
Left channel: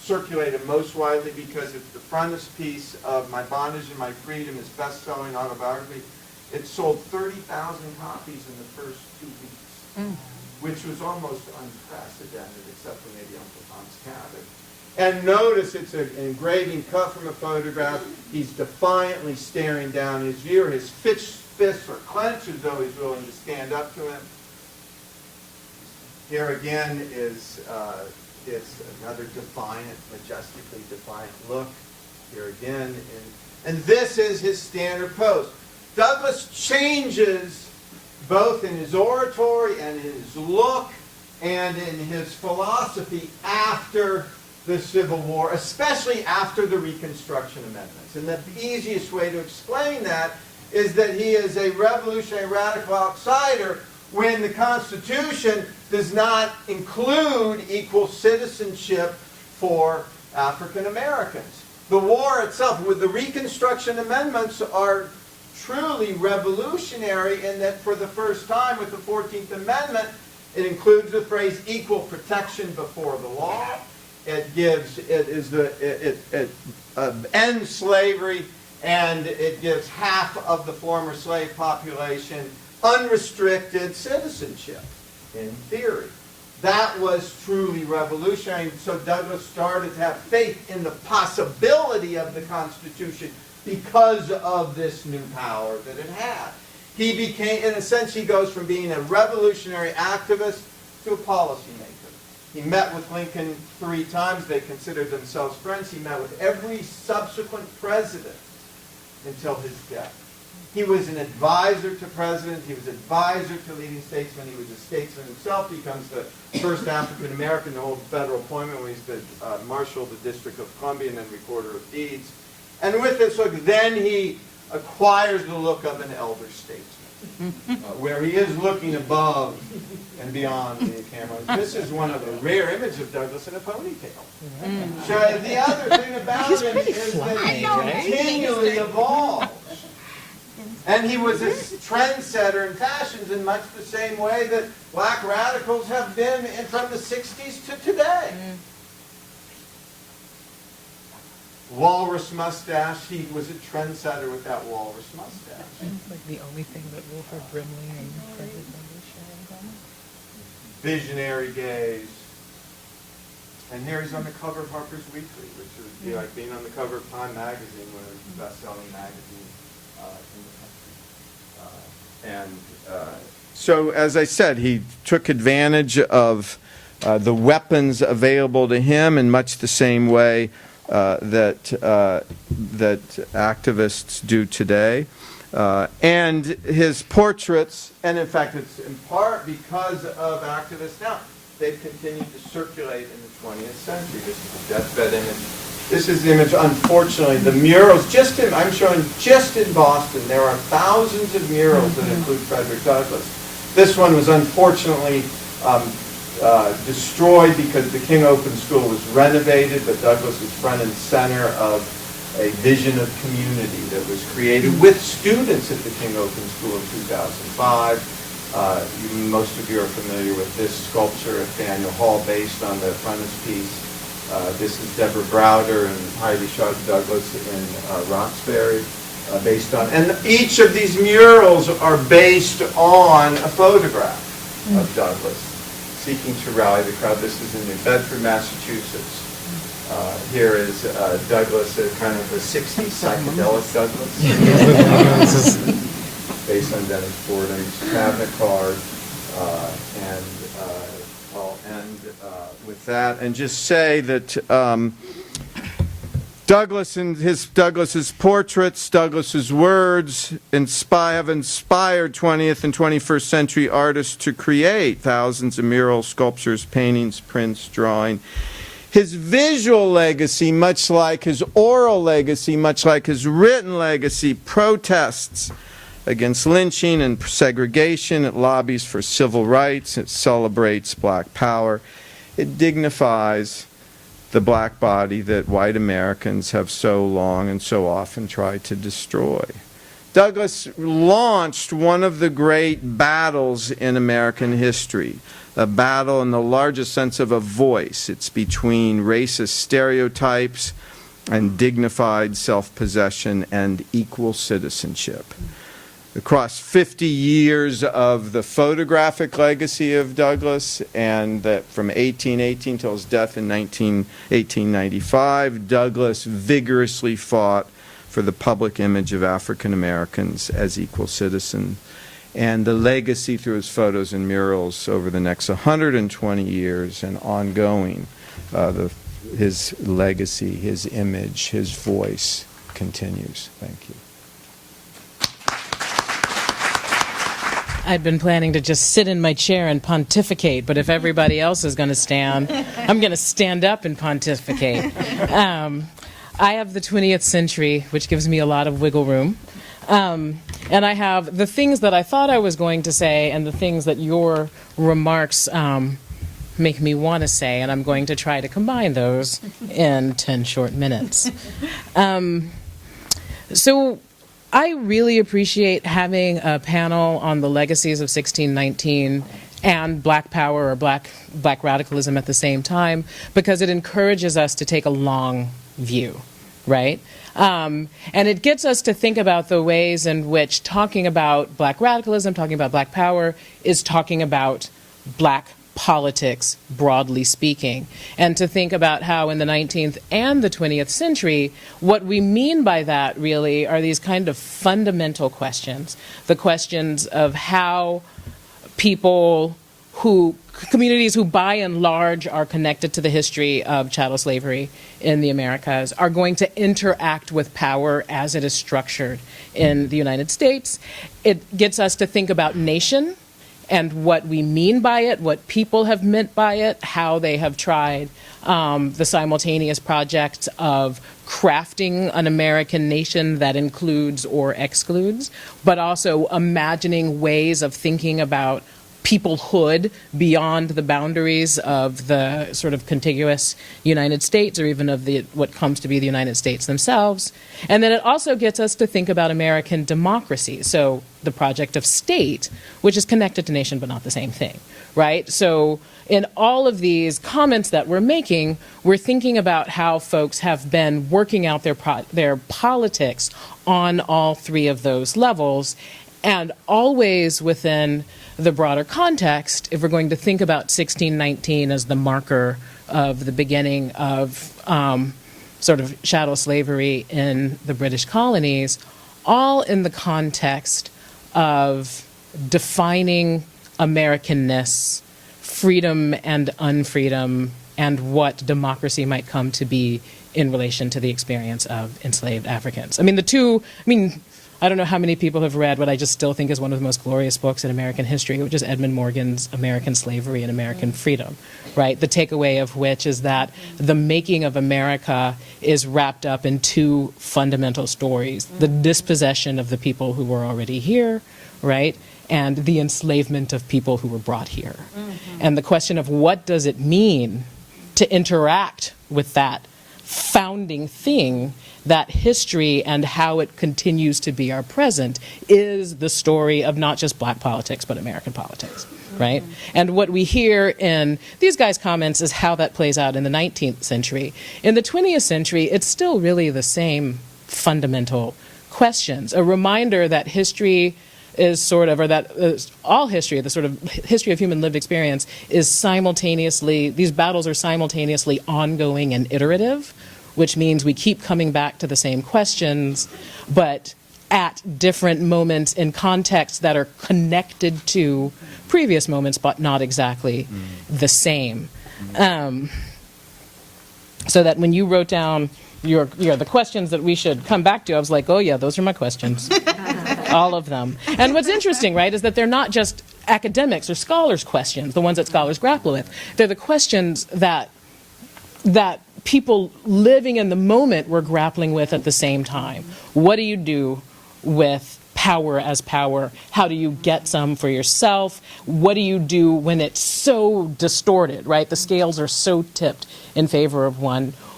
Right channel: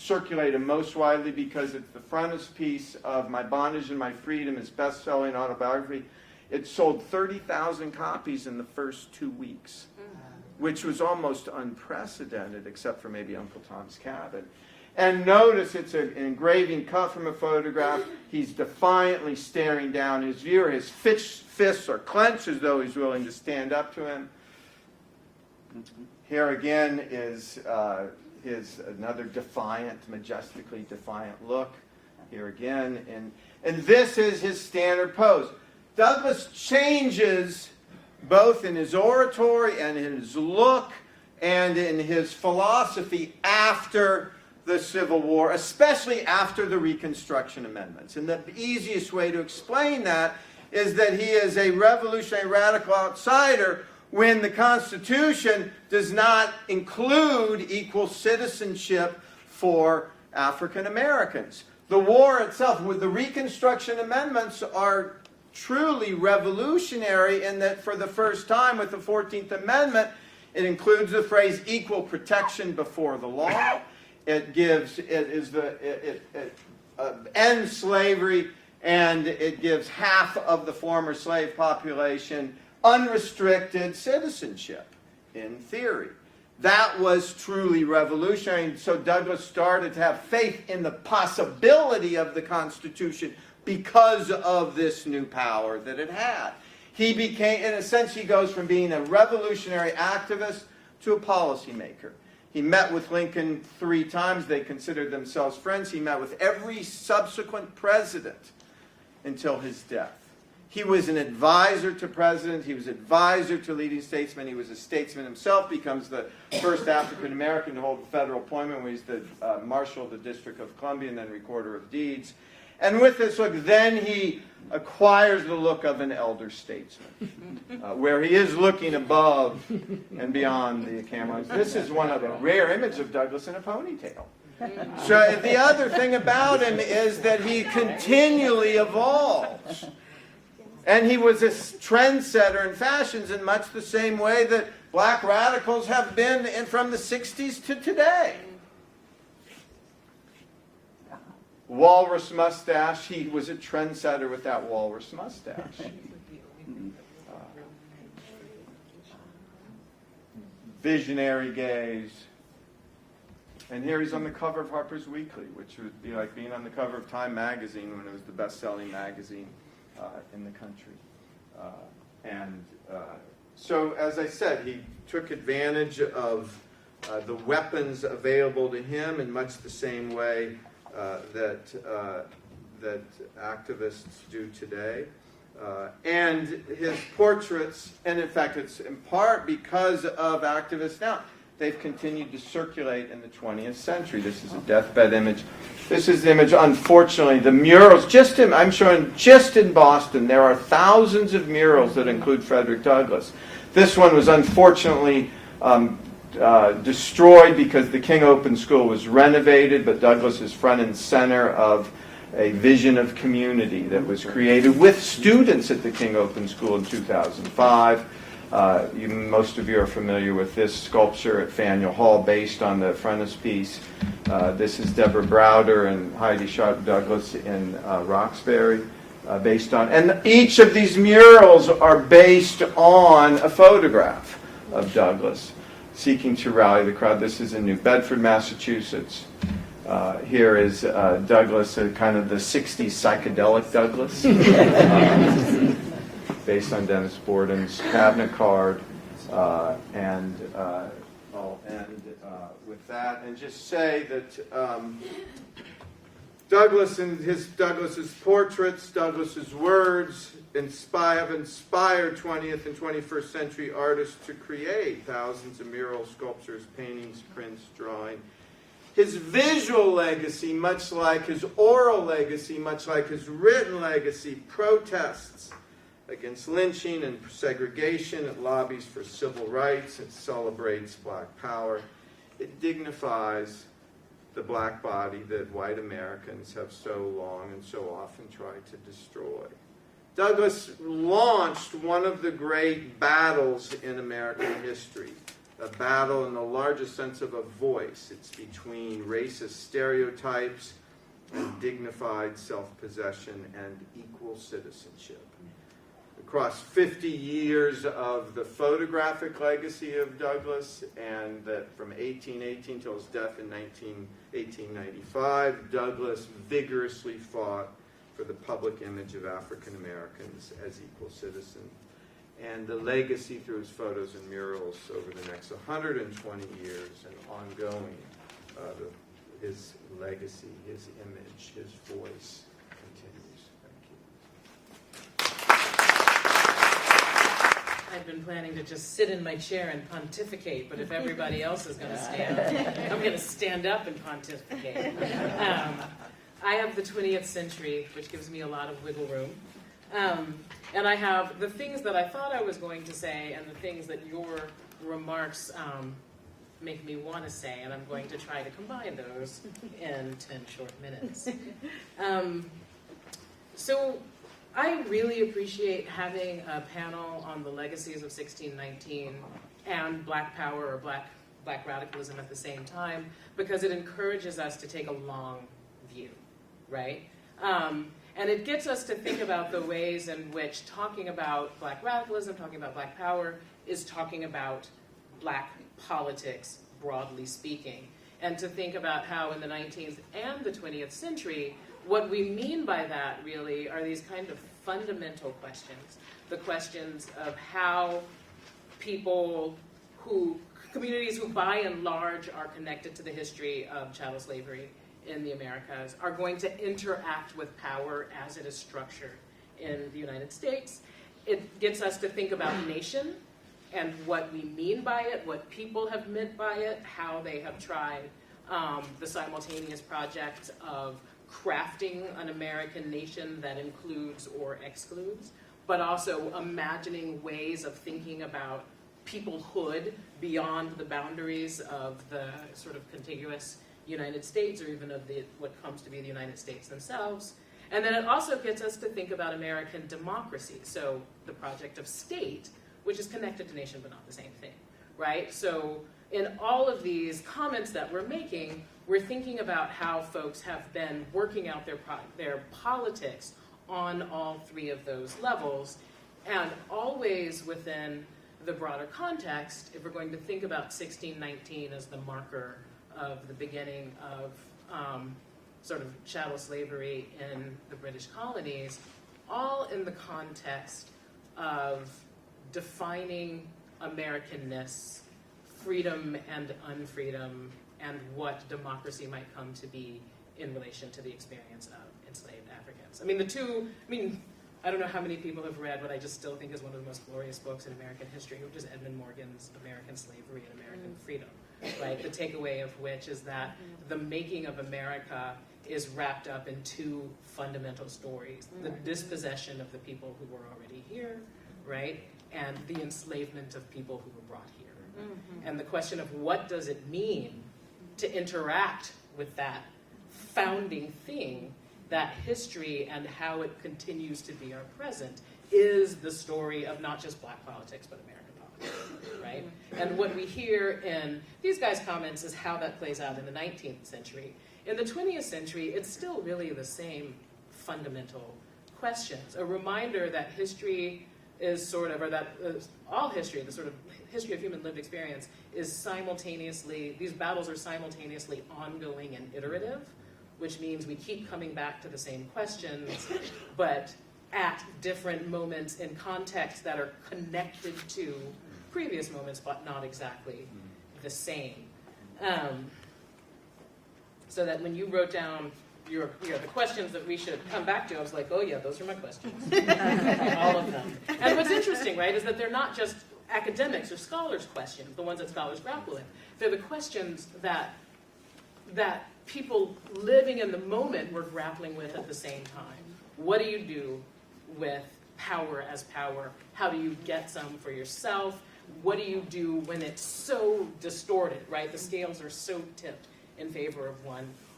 circulated most widely because it's the frontispiece of My Bondage and My Freedom, his best-selling autobiography. It sold 30,000 copies in the first 2 weeks, which was almost unprecedented, except for maybe Uncle Tom's Cabin. And notice it's an engraving cut from a photograph. He's defiantly staring down his viewer. His fists are clenched as though he's willing to stand up to him. Here again is another defiant, majestically defiant look. Here again. And this is his standard pose. Douglass changes both in his oratory and in his look and in his philosophy after the Civil War, especially after the Reconstruction Amendments. And the easiest way to explain that is that he is a revolutionary radical outsider when the Constitution does not include equal citizenship for African Americans. The war itself, with the Reconstruction Amendments, are truly revolutionary in that for the first time with the 14th Amendment, it includes the phrase equal protection before the law. It ends slavery, and it gives half of the former slave population unrestricted citizenship, in theory. That was truly revolutionary. So Douglass started to have faith in the possibility of the Constitution because of this new power that it had. He became, in a sense, he goes from being a revolutionary activist to a policymaker. He met with Lincoln 3 times. They considered themselves friends. He met with every subsequent president until his death. He was an advisor to presidents. He was an advisor to leading statesmen. He was a statesman himself. Becomes the first African American to hold a federal appointment when he's the Marshal of the District of Columbia and then Recorder of Deeds. And with this look, then he acquires the look of an elder statesman, where he is looking above and beyond the camera. This is one of a rare image of Douglass in a ponytail. So the other thing about him is that he continually evolves. And he was a trendsetter in fashions in much the same way that black radicals have been from the 60s to today. Walrus mustache. He was a trendsetter with that walrus mustache. That's like the only thing that Wilford Brimley and Frederick Douglass shared on. Visionary gaze. And there he's on the cover of Harper's Weekly, which would be like being on the cover of Time magazine when it was the best-selling magazine in the country. So, as I said, he took advantage of the weapons available to him in much the same way that activists do today. And his portraits, and in fact it's in part because of activists now, they've continued to circulate in the 20th century. This is a deathbed image. This is an image, unfortunately, the murals, I'm showing just in Boston, there are thousands of murals that include Frederick Douglass. This one was unfortunately destroyed because the King Open School was renovated, but Douglass was front and center of a vision of community that was created with students at the King Open School in 2005. Most of you are familiar with this sculpture at Faneuil Hall based on the frontispiece. This is Deborah Browder and Heidi Shaw Douglass in Roxbury, based on, and each of these murals are based on a photograph of Douglass seeking to rally the crowd. This is in New Bedford, Massachusetts. Here is Douglass, kind of the 60s psychedelic Douglass, based on Dennis Borden's cabinet card. And I'll end with that and just say that Douglass's portraits, Douglass's words have inspired 20th and 21st century artists to create thousands of murals, sculptures, paintings, prints, drawing. His visual legacy, much like his oral legacy, much like his written legacy, protests against lynching and segregation. It lobbies for civil rights. It celebrates black power. It dignifies the black body that white Americans have so long and so often tried to destroy. Douglass launched one of the great battles in American history, a battle in the largest sense of a voice. It's between racist stereotypes and dignified self-possession and equal citizenship. Across 50 years of the photographic legacy of Douglass, and that from 1818 till his death in 1895, Douglass vigorously fought for the public image of African Americans as equal citizens. And the legacy through his photos and murals over the next 120 years and ongoing, his legacy, his image, his voice continues. Thank you. I'd been planning to just sit in my chair and pontificate, but if everybody else is going to stand, I'm going to stand up and pontificate. I have the 20th century, which gives me a lot of wiggle room. And I have the things that I thought I was going to say and the things that your remarks make me want to say, and I'm going to try to combine those in 10 short minutes. So I really appreciate having a panel on the legacies of 1619 and Black Power or Black radicalism at the same time, because it encourages us to take a long view, right? And it gets us to think about the ways in which talking about Black radicalism, talking about Black Power, is talking about Black politics, broadly speaking, and to think about how in the 19th and the 20th century, what we mean by that really are these kind of fundamental questions, the questions of how communities who by and large are connected to the history of chattel slavery in the Americas are going to interact with power as it is structured in the United States. It gets us to think about nation and what we mean by it, what people have meant by it, how they have tried the simultaneous project of crafting an American nation that includes or excludes, but also imagining ways of thinking about peoplehood beyond the boundaries of the sort of contiguous United States or even of what comes to be the United States themselves. And then it also gets us to think about American democracy, so the project of state, which is connected to nation but not the same thing, right? So in all of these comments that we're making, we're thinking about how folks have been working out their politics on all three of those levels, and always within the broader context, if we're going to think about 1619 as the marker of the beginning of sort of chattel slavery in the British colonies, all in the context of defining Americanness, freedom and unfreedom, and what democracy might come to be in relation to the experience of enslaved Africans. I don't know how many people have read what I just still think is one of the most glorious books in American history, which is Edmund Morgan's American Slavery and American Freedom, right? The takeaway of which is that the making of America is wrapped up in two fundamental stories: the dispossession of the people who were already here, right? And the enslavement of people who were brought here. And the question of what does it mean to interact with that founding thing, that history, and how it continues to be our present, is the story of not just Black politics, but American politics, right? And what we hear in these guys' comments is how that plays out in the 19th century. In the 20th century, it's still really the same fundamental questions. A reminder that history is sort of, or that all history, the sort of history of human lived experience, is simultaneously, these battles are simultaneously ongoing and iterative, which means we keep coming back to the same questions, but at different moments in contexts that are connected to previous moments, but not exactly the same. So that when you wrote down the questions that we should come back to, I was like, oh yeah, those are my questions. All of them. And what's interesting, right, is that they're not just academics or scholars' questions, the ones that scholars grapple with. They're the questions that people living in the moment were grappling with at the same time. What do you do with power as power? How do you get some for yourself? What do you do when it's so distorted, right? The scales are so tipped in favor of one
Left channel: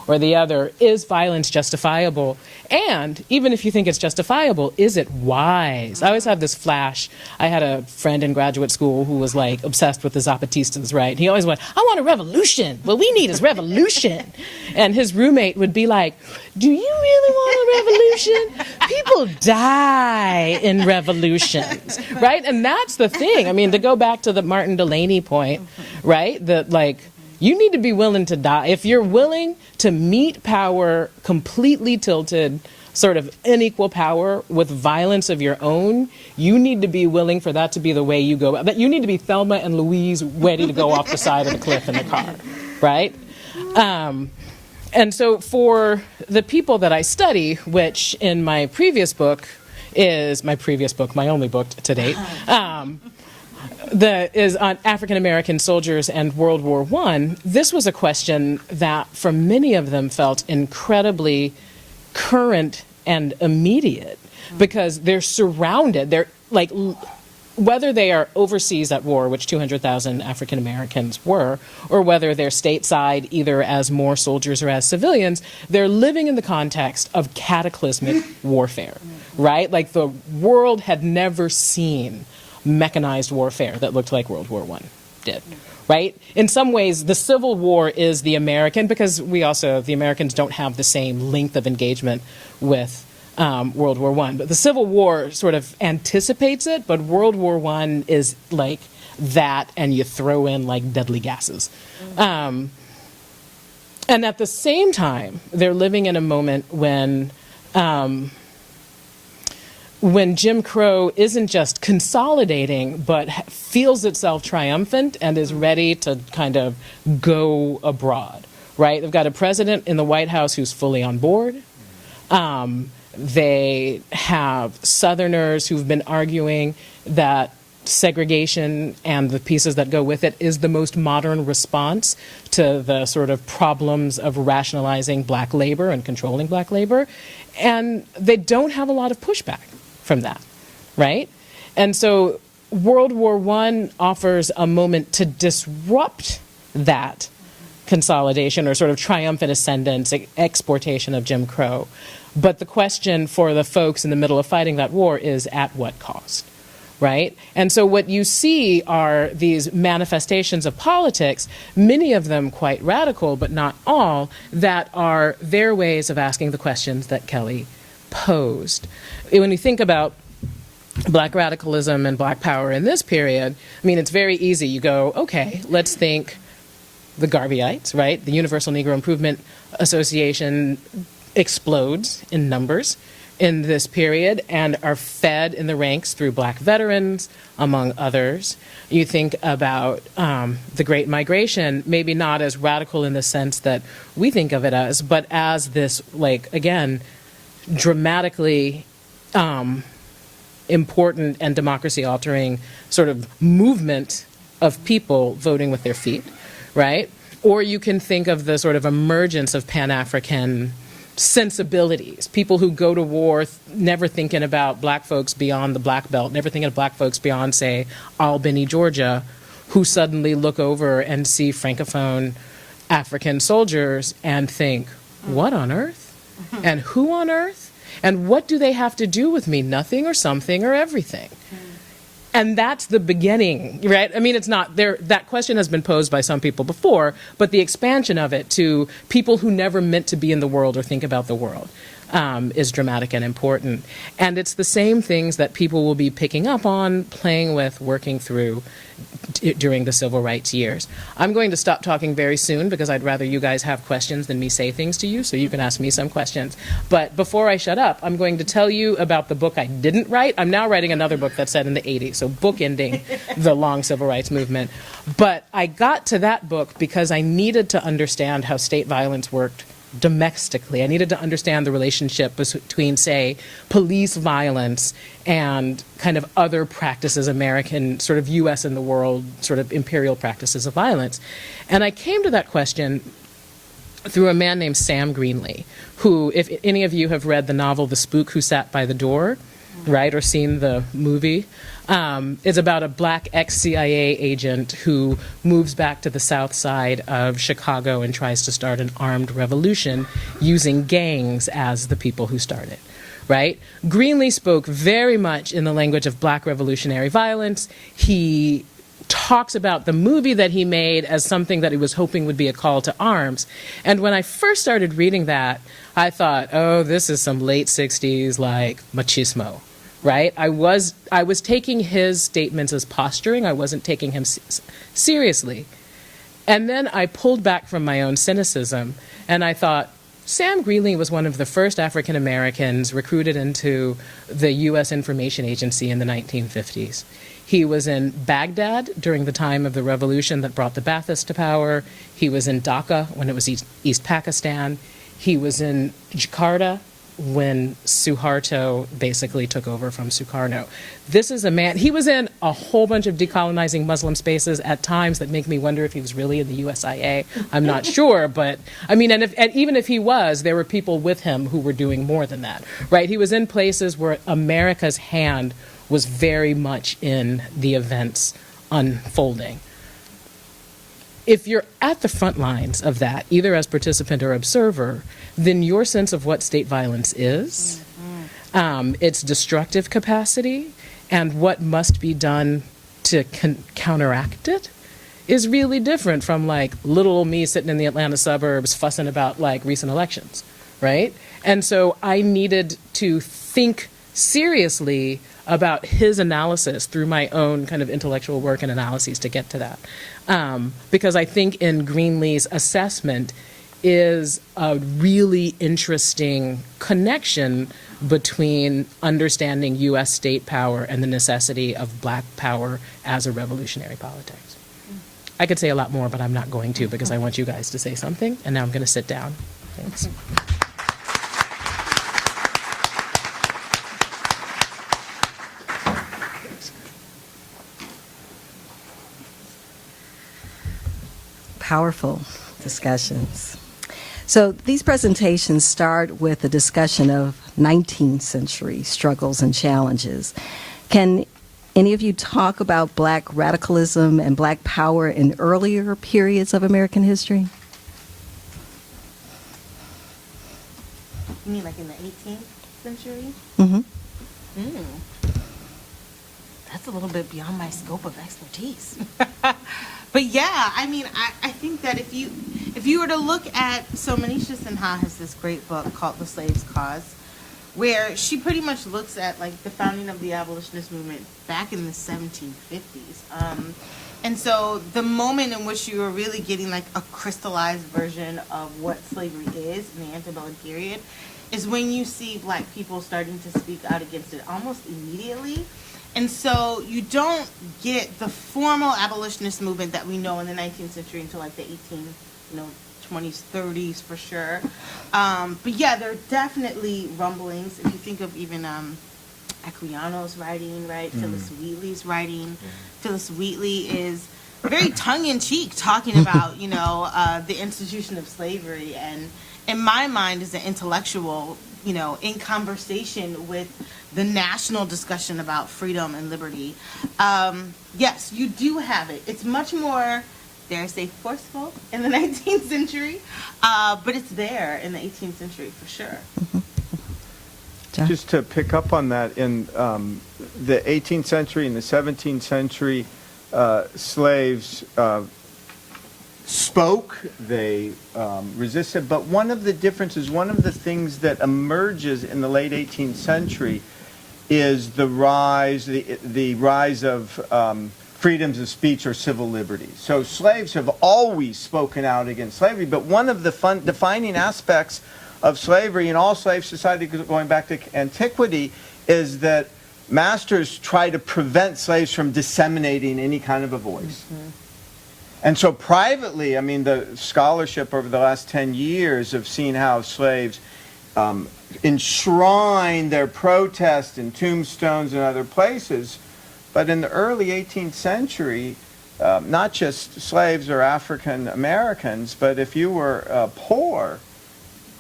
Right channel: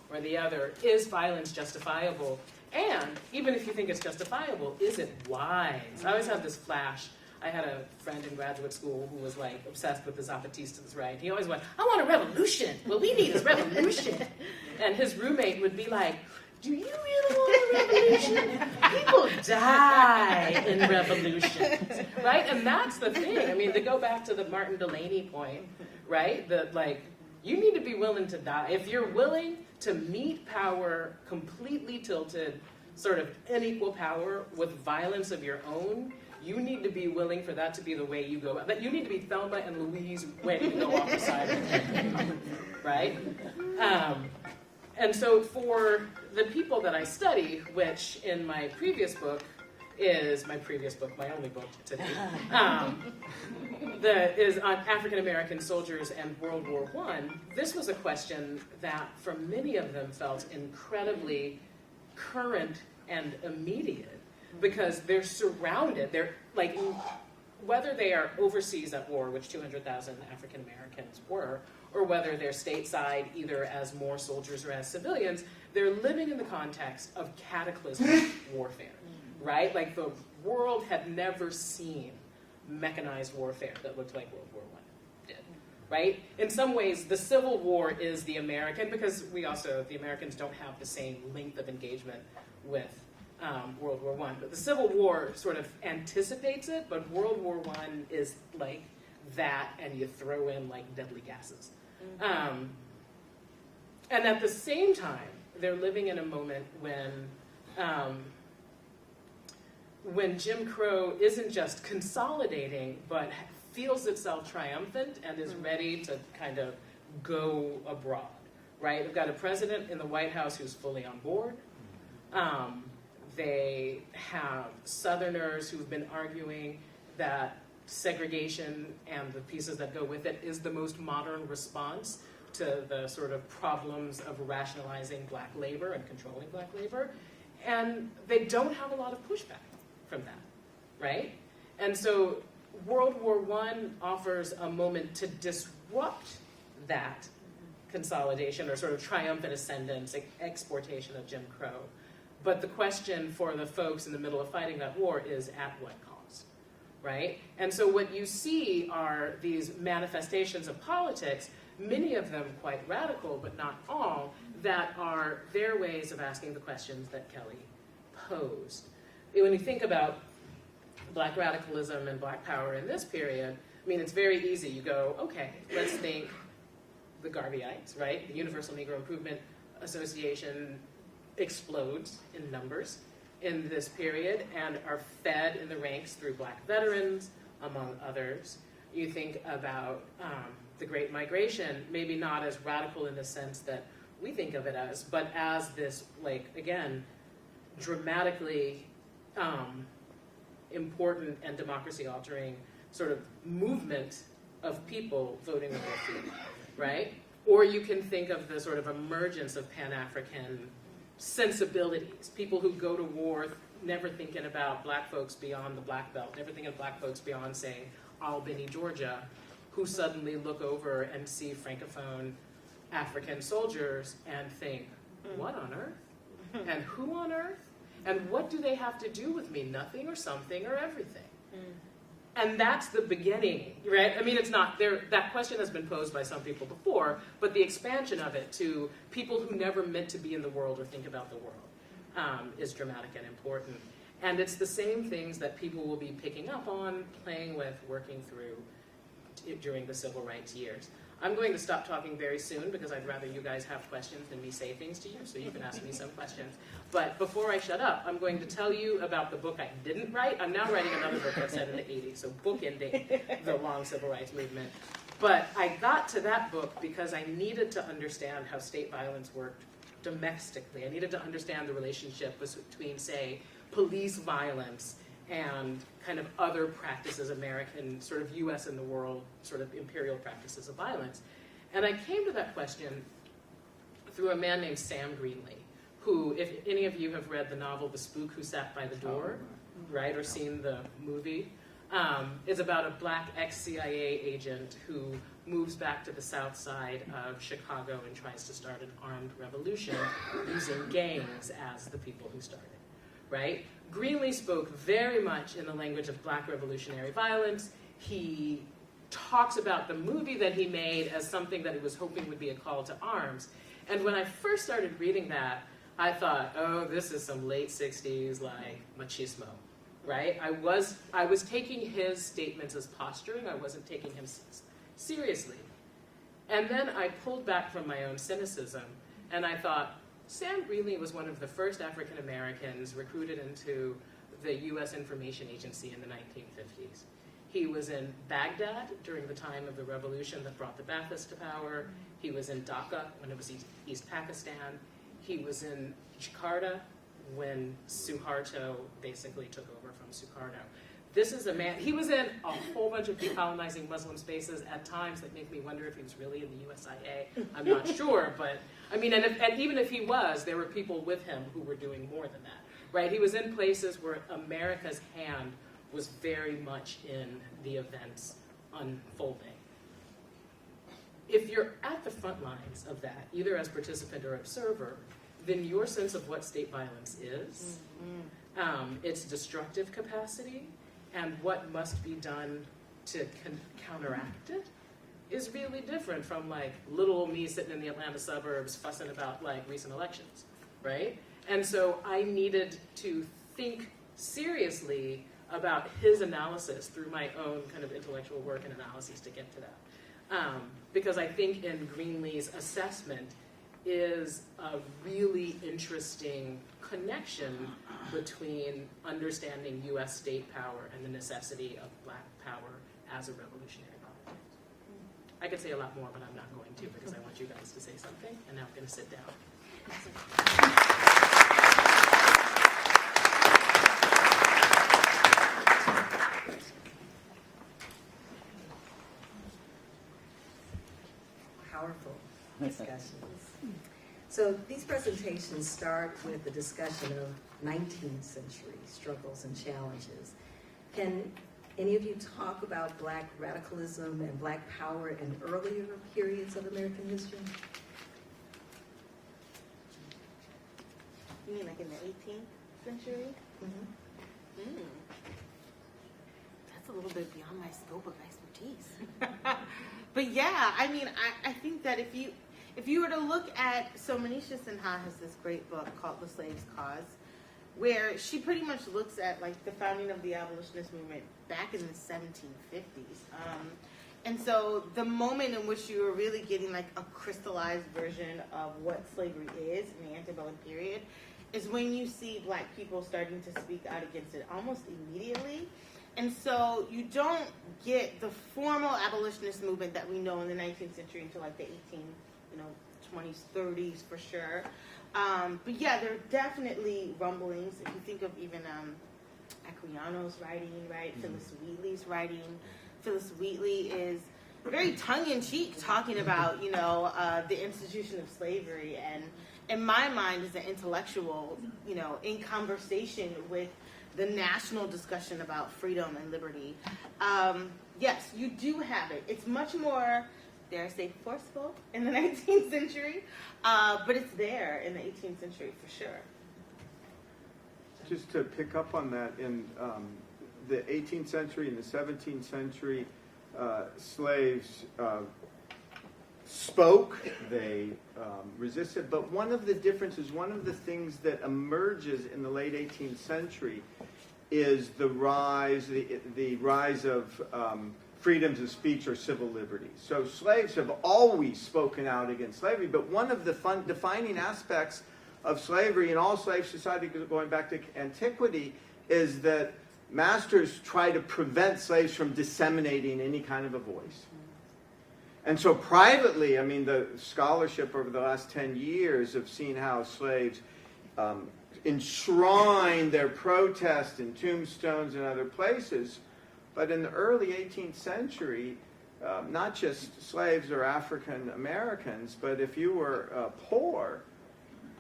or the other, is violence justifiable? And even if you think it's justifiable, is it wise? I always have this flash. I had a friend in graduate school who was like obsessed with the Zapatistas, right? He always went, I want a revolution. What we need is revolution. And his roommate would be like, do you really want a revolution? People die in revolutions, right? And that's the thing. I mean, to go back to the Martin Delaney point, right? That like, you need to be willing to die. If you're willing to meet power completely tilted, sort of unequal power with violence of your own, you need to be willing for that to be the way you go. You need to be Thelma and Louise ready to go off the side of the cliff in the car, right? And so for the people that I study, which in my previous book is my only book to date, is on African American soldiers and World War I. This was a question that for many of them felt incredibly current and immediate because they're surrounded. They're like, whether they are overseas at war, which 200,000 African Americans were, or whether they're stateside either as more soldiers or as civilians, they're living in the context of cataclysmic warfare, right? Like the world had never seen mechanized warfare that looked like World War I did, right? In some ways, the Civil War is the American, because the Americans don't have the same length of engagement with World War I. But the Civil War sort of anticipates it, but World War I is like that, and you throw in like deadly gases. And at the same time, they're living in a moment when Jim Crow isn't just consolidating, but feels itself triumphant and is ready to kind of go abroad, right? They've got a president in the White House who's fully on board. They have Southerners who've been arguing that segregation and the pieces that go with it is the most modern response to the sort of problems of rationalizing black labor and controlling black labor. And they don't have a lot of pushback from that, right? And so World War I offers a moment to disrupt that consolidation or sort of triumphant ascendance, exportation of Jim Crow. But the question for the folks in the middle of fighting that war is at what cost, right? And so what you see are these manifestations of politics, many of them quite radical, but not all, that are their ways of asking the questions that Kellie posed. When you think about black radicalism and black power in this period, I mean, it's very easy. You go, okay, let's think the Garveyites, right? The Universal Negro Improvement Association explodes in numbers in this period and are fed in the ranks through black veterans, among others. You think about the Great Migration, maybe not as radical in the sense that we think of it as, but as this, like, again, dramatically important and democracy-altering sort of movement of people voting with their feet, right? Or you can think of the sort of emergence of Pan-African sensibilities, people who go to war never thinking about black folks beyond the Black Belt, never thinking of black folks beyond, say, Albany, Georgia, who suddenly look over and see Francophone African soldiers and think, what on earth? And who on earth? And what do they have to do with me? Nothing or something or everything. And that's the beginning, right? I mean, it's not there. That question has been posed by some people before, but the expansion of it to people who never meant to be in the world or think about the world is dramatic and important. And it's the same things that people will be picking up on, playing with, working through during the civil rights years. I'm going to stop talking very soon because I'd rather you guys have questions than me say things to you, so you can ask me some questions. But before I shut up, I'm going to tell you about the book I didn't write. I'm now writing another book that's set in the 80s, so bookending the long civil rights movement. But I got to that book because I needed to understand how state violence worked domestically. I needed to understand the relationship between, say, police violence and kind of other practices, American, sort of U.S. and the world, sort of imperial practices of violence. And I came to that question through a man named Sam Greenlee, who, if any of you have read the novel The Spook Who Sat by the Door, right, or seen the movie, is about a black ex-CIA agent who moves back to the south side of Chicago and tries to start an armed revolution using gangs as the people who start it, right? Greenlee spoke very much in the language of black revolutionary violence. He talks about the movie that he made as something that he was hoping would be a call to arms. And when I first started reading that, I thought, oh, this is some late 60s, like, machismo, right? I was taking his statements as posturing. I wasn't taking him seriously. And then I pulled back from my own cynicism, and I thought, Sam Greenlee was one of the first African Americans recruited into the U.S. Information Agency in the 1950s. He was in Baghdad during the time of the revolution that brought the Baathists to power. He was in Dhaka when it was East Pakistan. He was in Jakarta when Suharto basically took over from Sukarno. This is a man, he was in a whole bunch of decolonizing Muslim spaces at times that make me wonder if he was really in the USIA. I'm not sure, but I mean, and even if he was, there were people with him who were doing more than that, right? He was in places where America's hand was very much in the events unfolding. If you're at the front lines of that, either as participant or observer, then your sense of what state violence is, its destructive capacity, and what must be done to counteract it is really different from like little old me sitting in the Atlanta suburbs fussing about like recent elections, right? And so I needed to think seriously about his analysis through my own kind of intellectual work and analyses to get to that. Because I think in Greenlee's assessment is a really interesting connection between understanding U.S. state power and the necessity of black power as a revolutionary politics. I could say a lot more, but I'm not going to because I want you guys to say something, and now I'm going to sit down. Thanks. Powerful discussions. So these presentations start with a discussion of 19th century struggles and challenges. Can any of you talk about black radicalism and black power in earlier periods of American history? You mean like in the 18th century? Mm-hmm. That's a little bit beyond my scope of expertise. But yeah, I mean, I think that if you were to look at, so Manisha Sinha has this great book called The Slave's Cause, where she pretty much looks at like the founding of the abolitionist movement back in the 1750s. And so the moment in which you were really getting like a crystallized version of what slavery is in the antebellum period is when you see black people starting to speak out against it almost immediately. And so you don't get the formal abolitionist movement that we know in the 19th century until like the 20s, 30s for sure. But yeah, there are definitely rumblings. If you think of even Aquilino's writing, right? Phyllis Wheatley's writing. Phyllis Wheatley is very tongue-in-cheek talking about, the institution of slavery. And in my mind, is an intellectual, in conversation with the national discussion about freedom and liberty. Yes, you do have it. It's much more, dare I say, forceful in the 19th century, but it's there in the 18th century for sure. John? Just to pick up on that, in the 18th century and the 17th century, slaves spoke, they resisted, but one of the differences, one of the things that emerges in the late 18th century is the rise of freedoms of speech or civil liberties. So slaves have always spoken out against slavery, but one of the defining aspects of slavery in all slave society going back to antiquity is that masters try to prevent slaves from disseminating any kind of a voice. Mm-hmm. And so privately, I mean, the scholarship over the last 10 years have seen how slaves enshrine their protest in tombstones and other places. But in the early 18th century, not just slaves or African Americans, but if you were poor,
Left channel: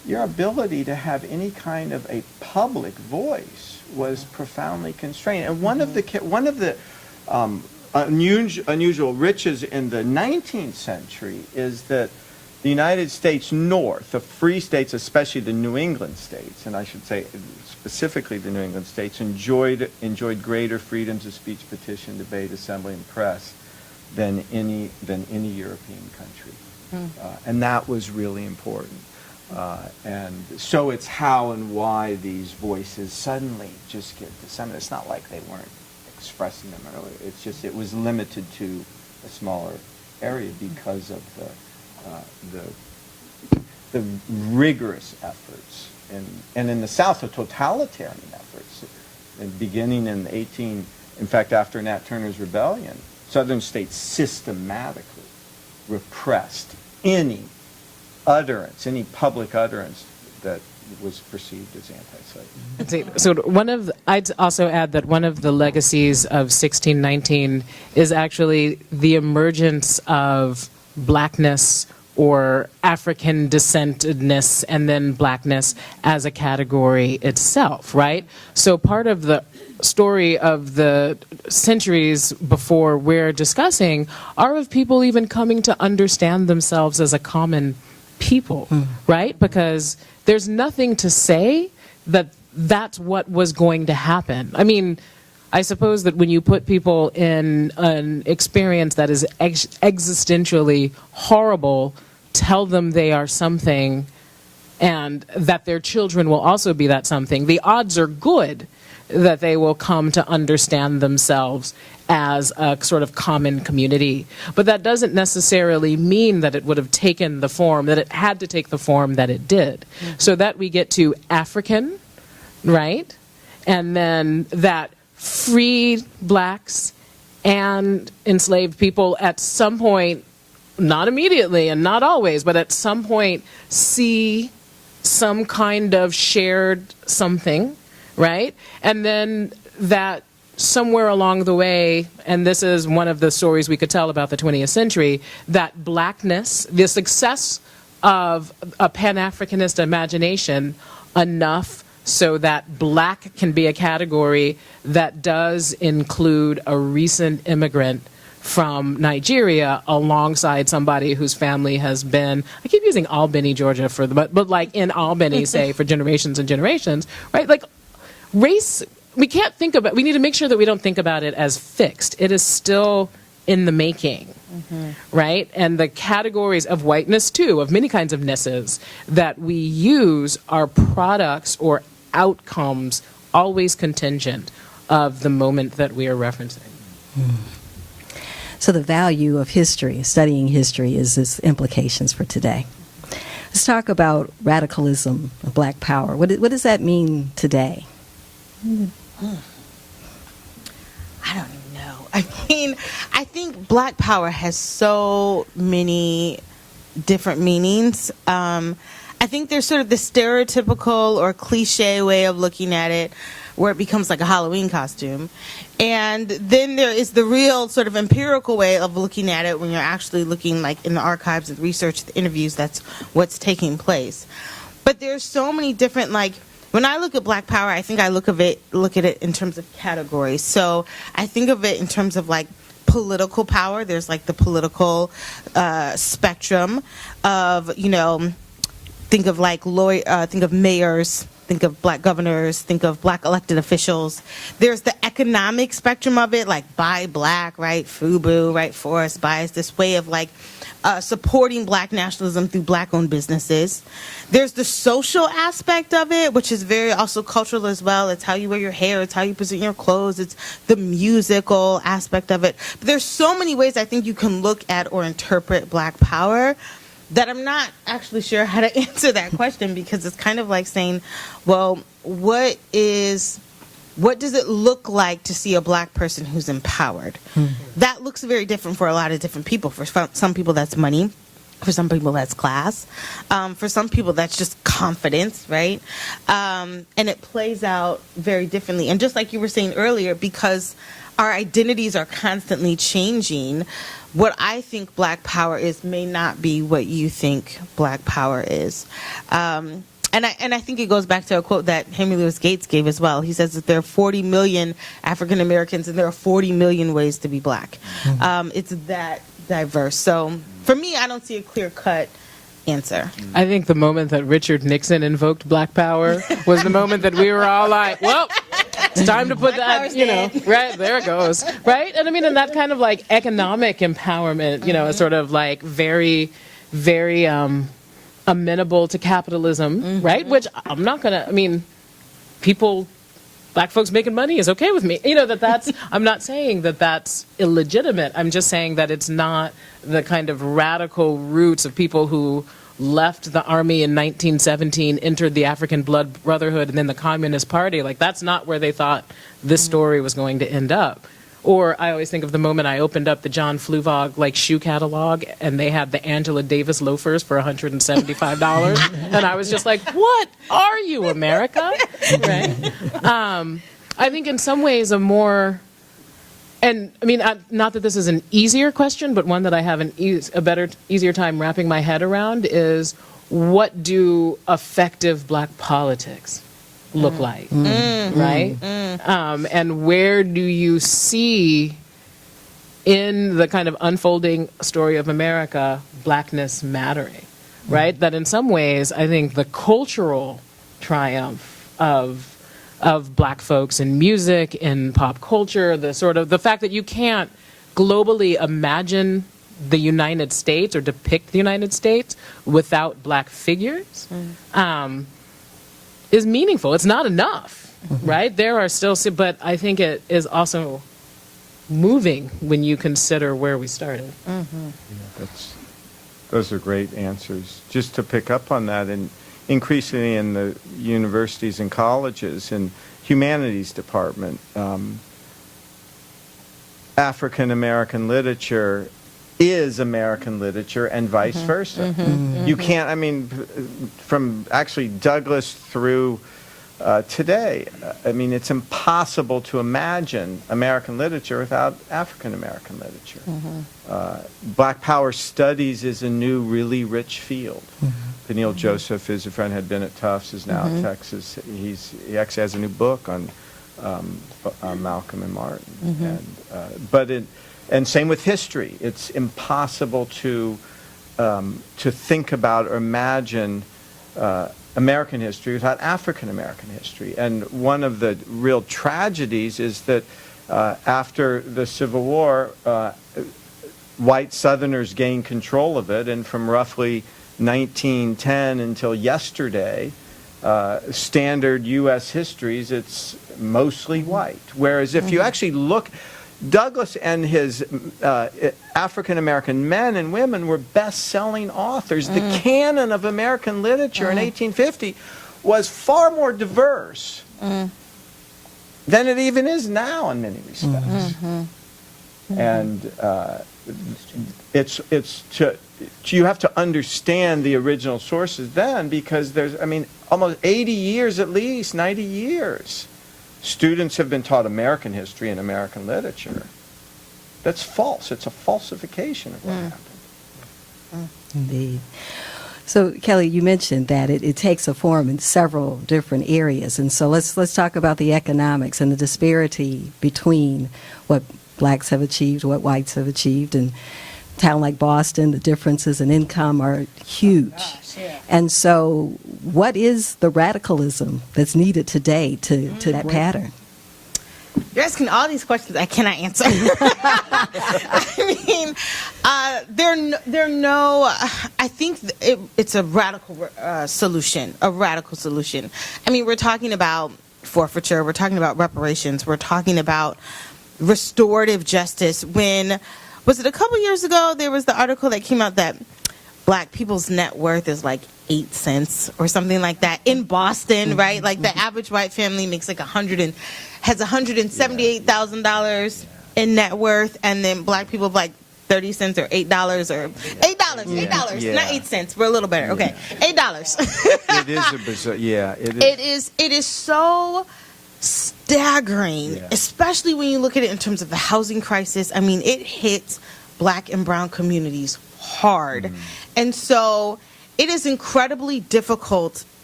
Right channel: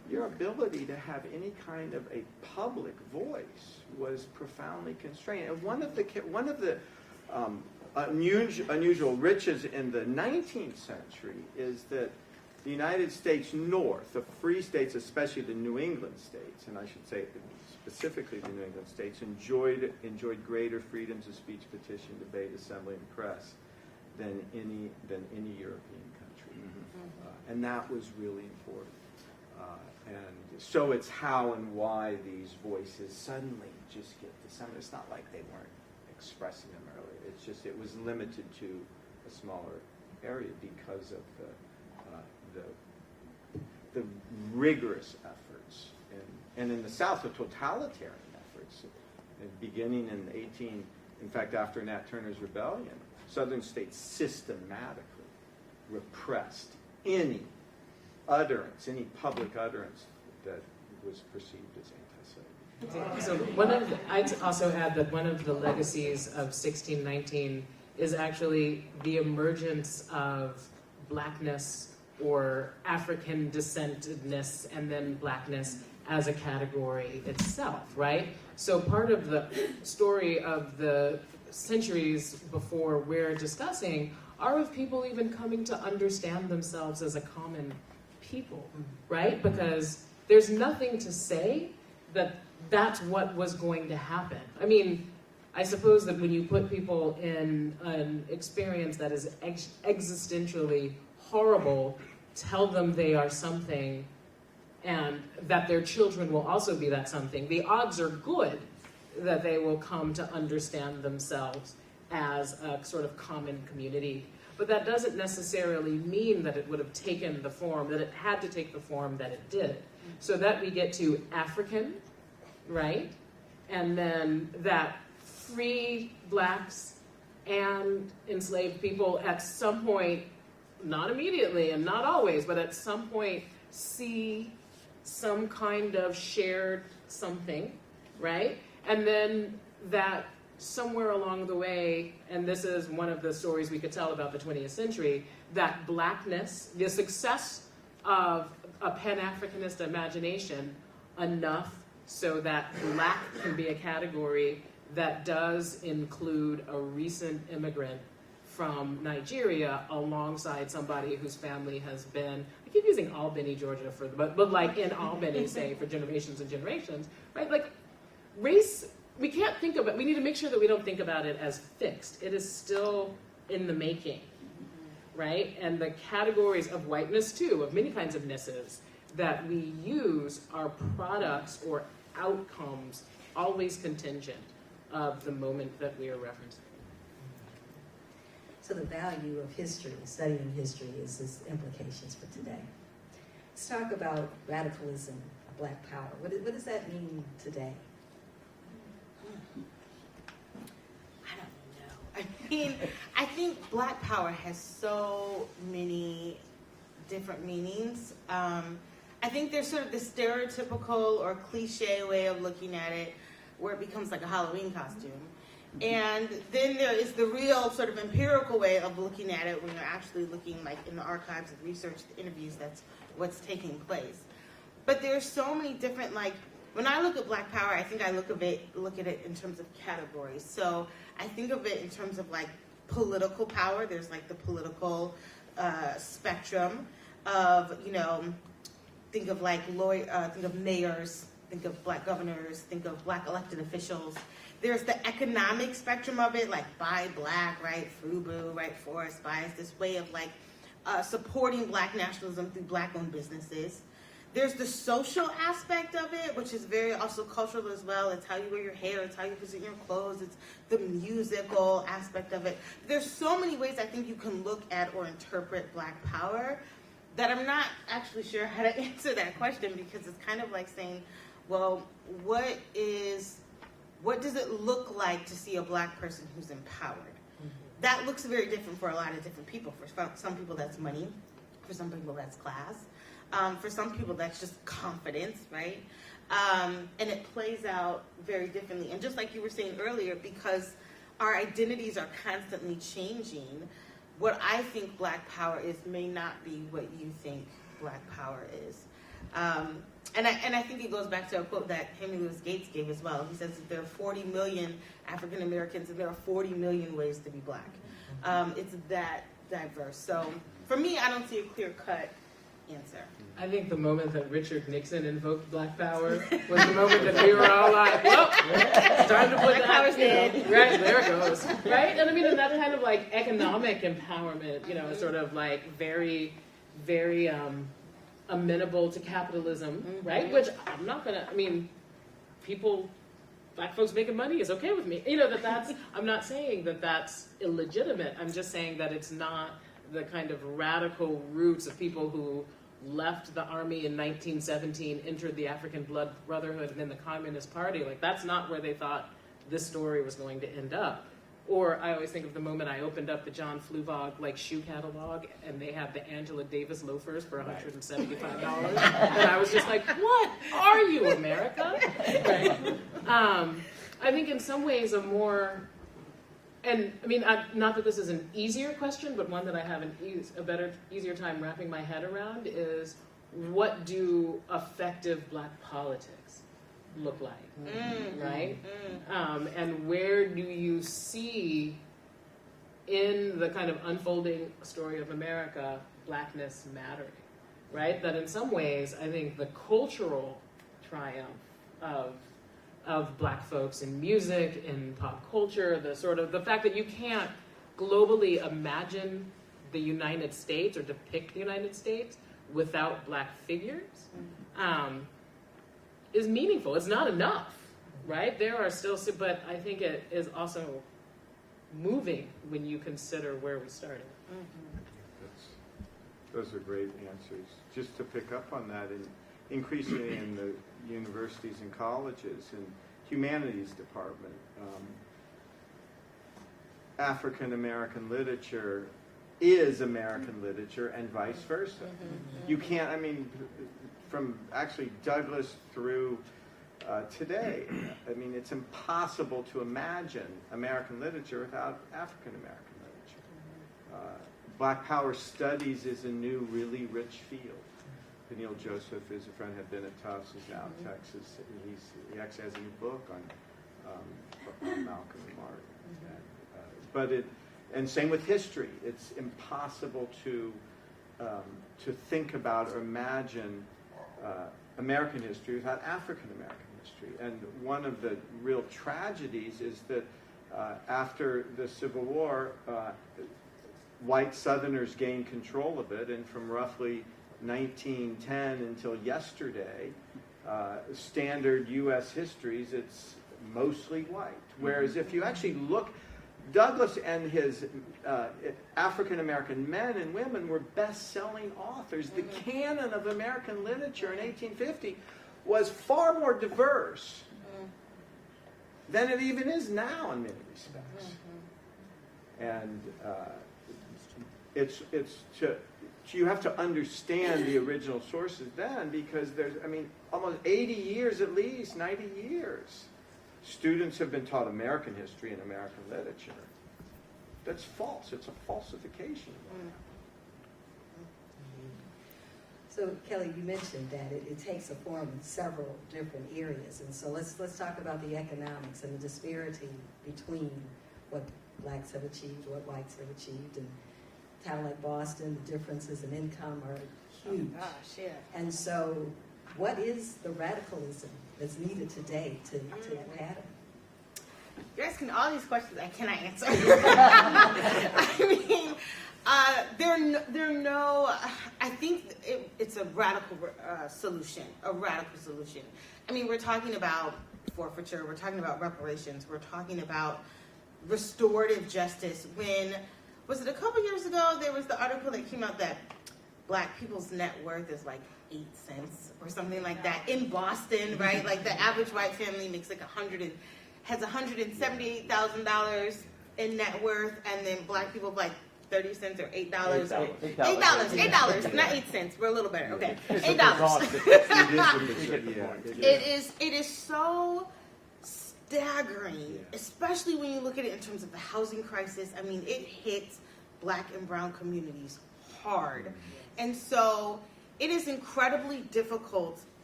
your ability to have any kind of a public voice was profoundly constrained. And one of the unusual riches in the 19th century is that the United States North, the free states, especially the New England states, and I should say specifically the New England states, enjoyed greater freedoms of speech, petition, debate, assembly, and press than any European country. And that was really important. And so it's how and why these voices suddenly just get disseminated. It's not like they weren't expressing them earlier. It's just it was limited to a smaller area because of the rigorous efforts and in the South, the totalitarian efforts, and beginning in fact, after Nat Turner's rebellion, Southern states systematically repressed any utterance, any public utterance that was perceived as anti-slavery. So I'd also add that one of the legacies of 1619 is actually the emergence of blackness or African descentedness and then blackness as a category itself, right? So part of the story of the centuries before we're discussing are of people even coming to understand themselves as a common people, right? Because there's nothing to say that that's what was going to happen. I mean, I suppose that when you put people in an experience that is existentially horrible, tell them they are something and that their children will also be that something, the odds are good that they will come to understand themselves as a sort of common community. But that doesn't necessarily mean that it would have taken the form, that it had to take the form that it did. So that we get to African, right? And then that free blacks and enslaved people at some point, not immediately and not always, but at some point see some kind of shared something, right? And then that somewhere along the way, and this is one of the stories we could tell about the 20th century, that blackness, the success of a Pan-Africanist imagination enough so that black can be a category that does include a recent immigrant from Nigeria alongside somebody whose family has been, I keep using Albany, Georgia, but like in Albany, say, for generations and generations, right? Like race, we need to make sure that we don't think about it as fixed. It is still in the making, right? And the categories of whiteness, too, of many kinds of nesses that we use are products or outcomes always contingent of the moment that we are referencing. So the value of history, studying history, is its implications for today. Let's talk about radicalism, Black power. What does that mean today? I don't even know. I mean, I think Black power has so many different meanings. I think there's sort of the stereotypical or cliche way of looking at it where it becomes like a Halloween costume. And then there is the real sort of empirical way of looking at it when you're actually looking like in the archives, the research, the interviews, that's what's taking place. But there's so many different, like, when I look at Black power, I think I look at it in terms of categories. So I think of it in terms of like political power. There's like the political spectrum of, think of like think of mayors, think of Black governors, think of Black elected officials. There's the economic spectrum of it, like buy Black, right? FUBU, right? Forest buys, this way of like supporting Black nationalism through Black-owned businesses. There's the social aspect of it, which is very also cultural as well. It's how you wear your hair. It's how you present your clothes. It's the musical aspect of it. But there's so many ways I think you can look at or interpret Black power that I'm not actually sure how to answer that question, because it's kind of like saying, well, what does it look like to see a Black person who's empowered? That looks very different for a lot of different people. For some people, that's money. For some people, that's class. For some people, that's just confidence, right? And it plays out very differently. And just like you were saying earlier, because our identities are constantly changing, what I think Black power is may not be what you think Black power is. And I think it goes back to a quote that Henry Louis Gates gave as well. He says that there are 40 million African Americans and there are 40 million ways to be black. It's that diverse. So for me, I don't see a clear-cut answer. I think the moment that Richard Nixon invoked Black Power was the moment that we were all like, well, it's time to put that, right, there it goes, right? And I mean, and that kind of like economic empowerment, is sort of like very, very amenable to capitalism, right? Which I'm not going to, Black folks making money is okay with me. That's, I'm not saying that that's illegitimate. I'm just saying that it's not the kind of radical roots of people who left the army in 1917, entered the African Blood Brotherhood, and then the Communist Party. Like, that's not where they thought this story was going to end up. Or I always think of the moment I opened up the John Fluvog shoe catalog, and they had the Angela Davis loafers for $175, and I was just like, "What are you, America?" Right? I think in some ways a more, and not that this is an easier question, but one that I have easier time wrapping my head around is, what do effective Black politics look like, right? And where do you see in the kind of unfolding story of America Blackness mattering, right? That in some ways, I think the cultural triumph of Black folks in music, in pop culture, the fact that you can't globally imagine the United States or depict the United States without Black figures, is meaningful. It's not enough, right? There are still, but I think it is also moving when you consider where we started. Those are great answers. Just to pick up on that, and increasingly in the universities and colleges and humanities department, African American literature is American literature and vice versa. You can't, from actually Douglass through today, it's impossible to imagine American literature without African American literature. Black Power studies is a new, really rich field. Peniel Joseph is a friend, had been at Tufts, is now at Texas. He actually has a new book on Malcolm and Martin. And same with history. It's impossible to think about or imagine American history without African American history. And one of the real tragedies is that after the Civil War, white Southerners gained control of it, and from roughly 1910 until yesterday, standard U.S. histories, it's mostly white. Whereas if you actually look, Douglass and his African-American men and women were best-selling authors. The canon of American literature in 1850 was far more diverse than it even is now in many respects. And you have to understand the original sources then, because there's, almost 80 years at least, 90 years. Students have been taught American history and American literature. That's false. It's a falsification of what happened. Indeed. So, Kellie, you mentioned that it takes a form in several different areas. And so let's talk about the economics and the disparity between what Blacks have achieved, what whites have achieved. And a town like Boston, the differences in income are huge. And so what is the radicalism that's needed today to that pattern? You're asking all these questions I cannot answer. I think it's a radical solution, we're talking about forfeiture, we're talking about reparations, we're talking about restorative justice. Was it a couple years ago, there was the article that came out that Black people's net worth is like 8 cents or something like that in Boston, right? Like the average white family makes like has $178,000 in net worth, and then Black people have like 30 cents or $8 or $8, not 8 cents. We're a little better. Okay, $8. It is a bizarre, It is so staggering, especially when you look at it in terms of the housing crisis. It hits Black and brown communities hard. And so it is incredibly difficult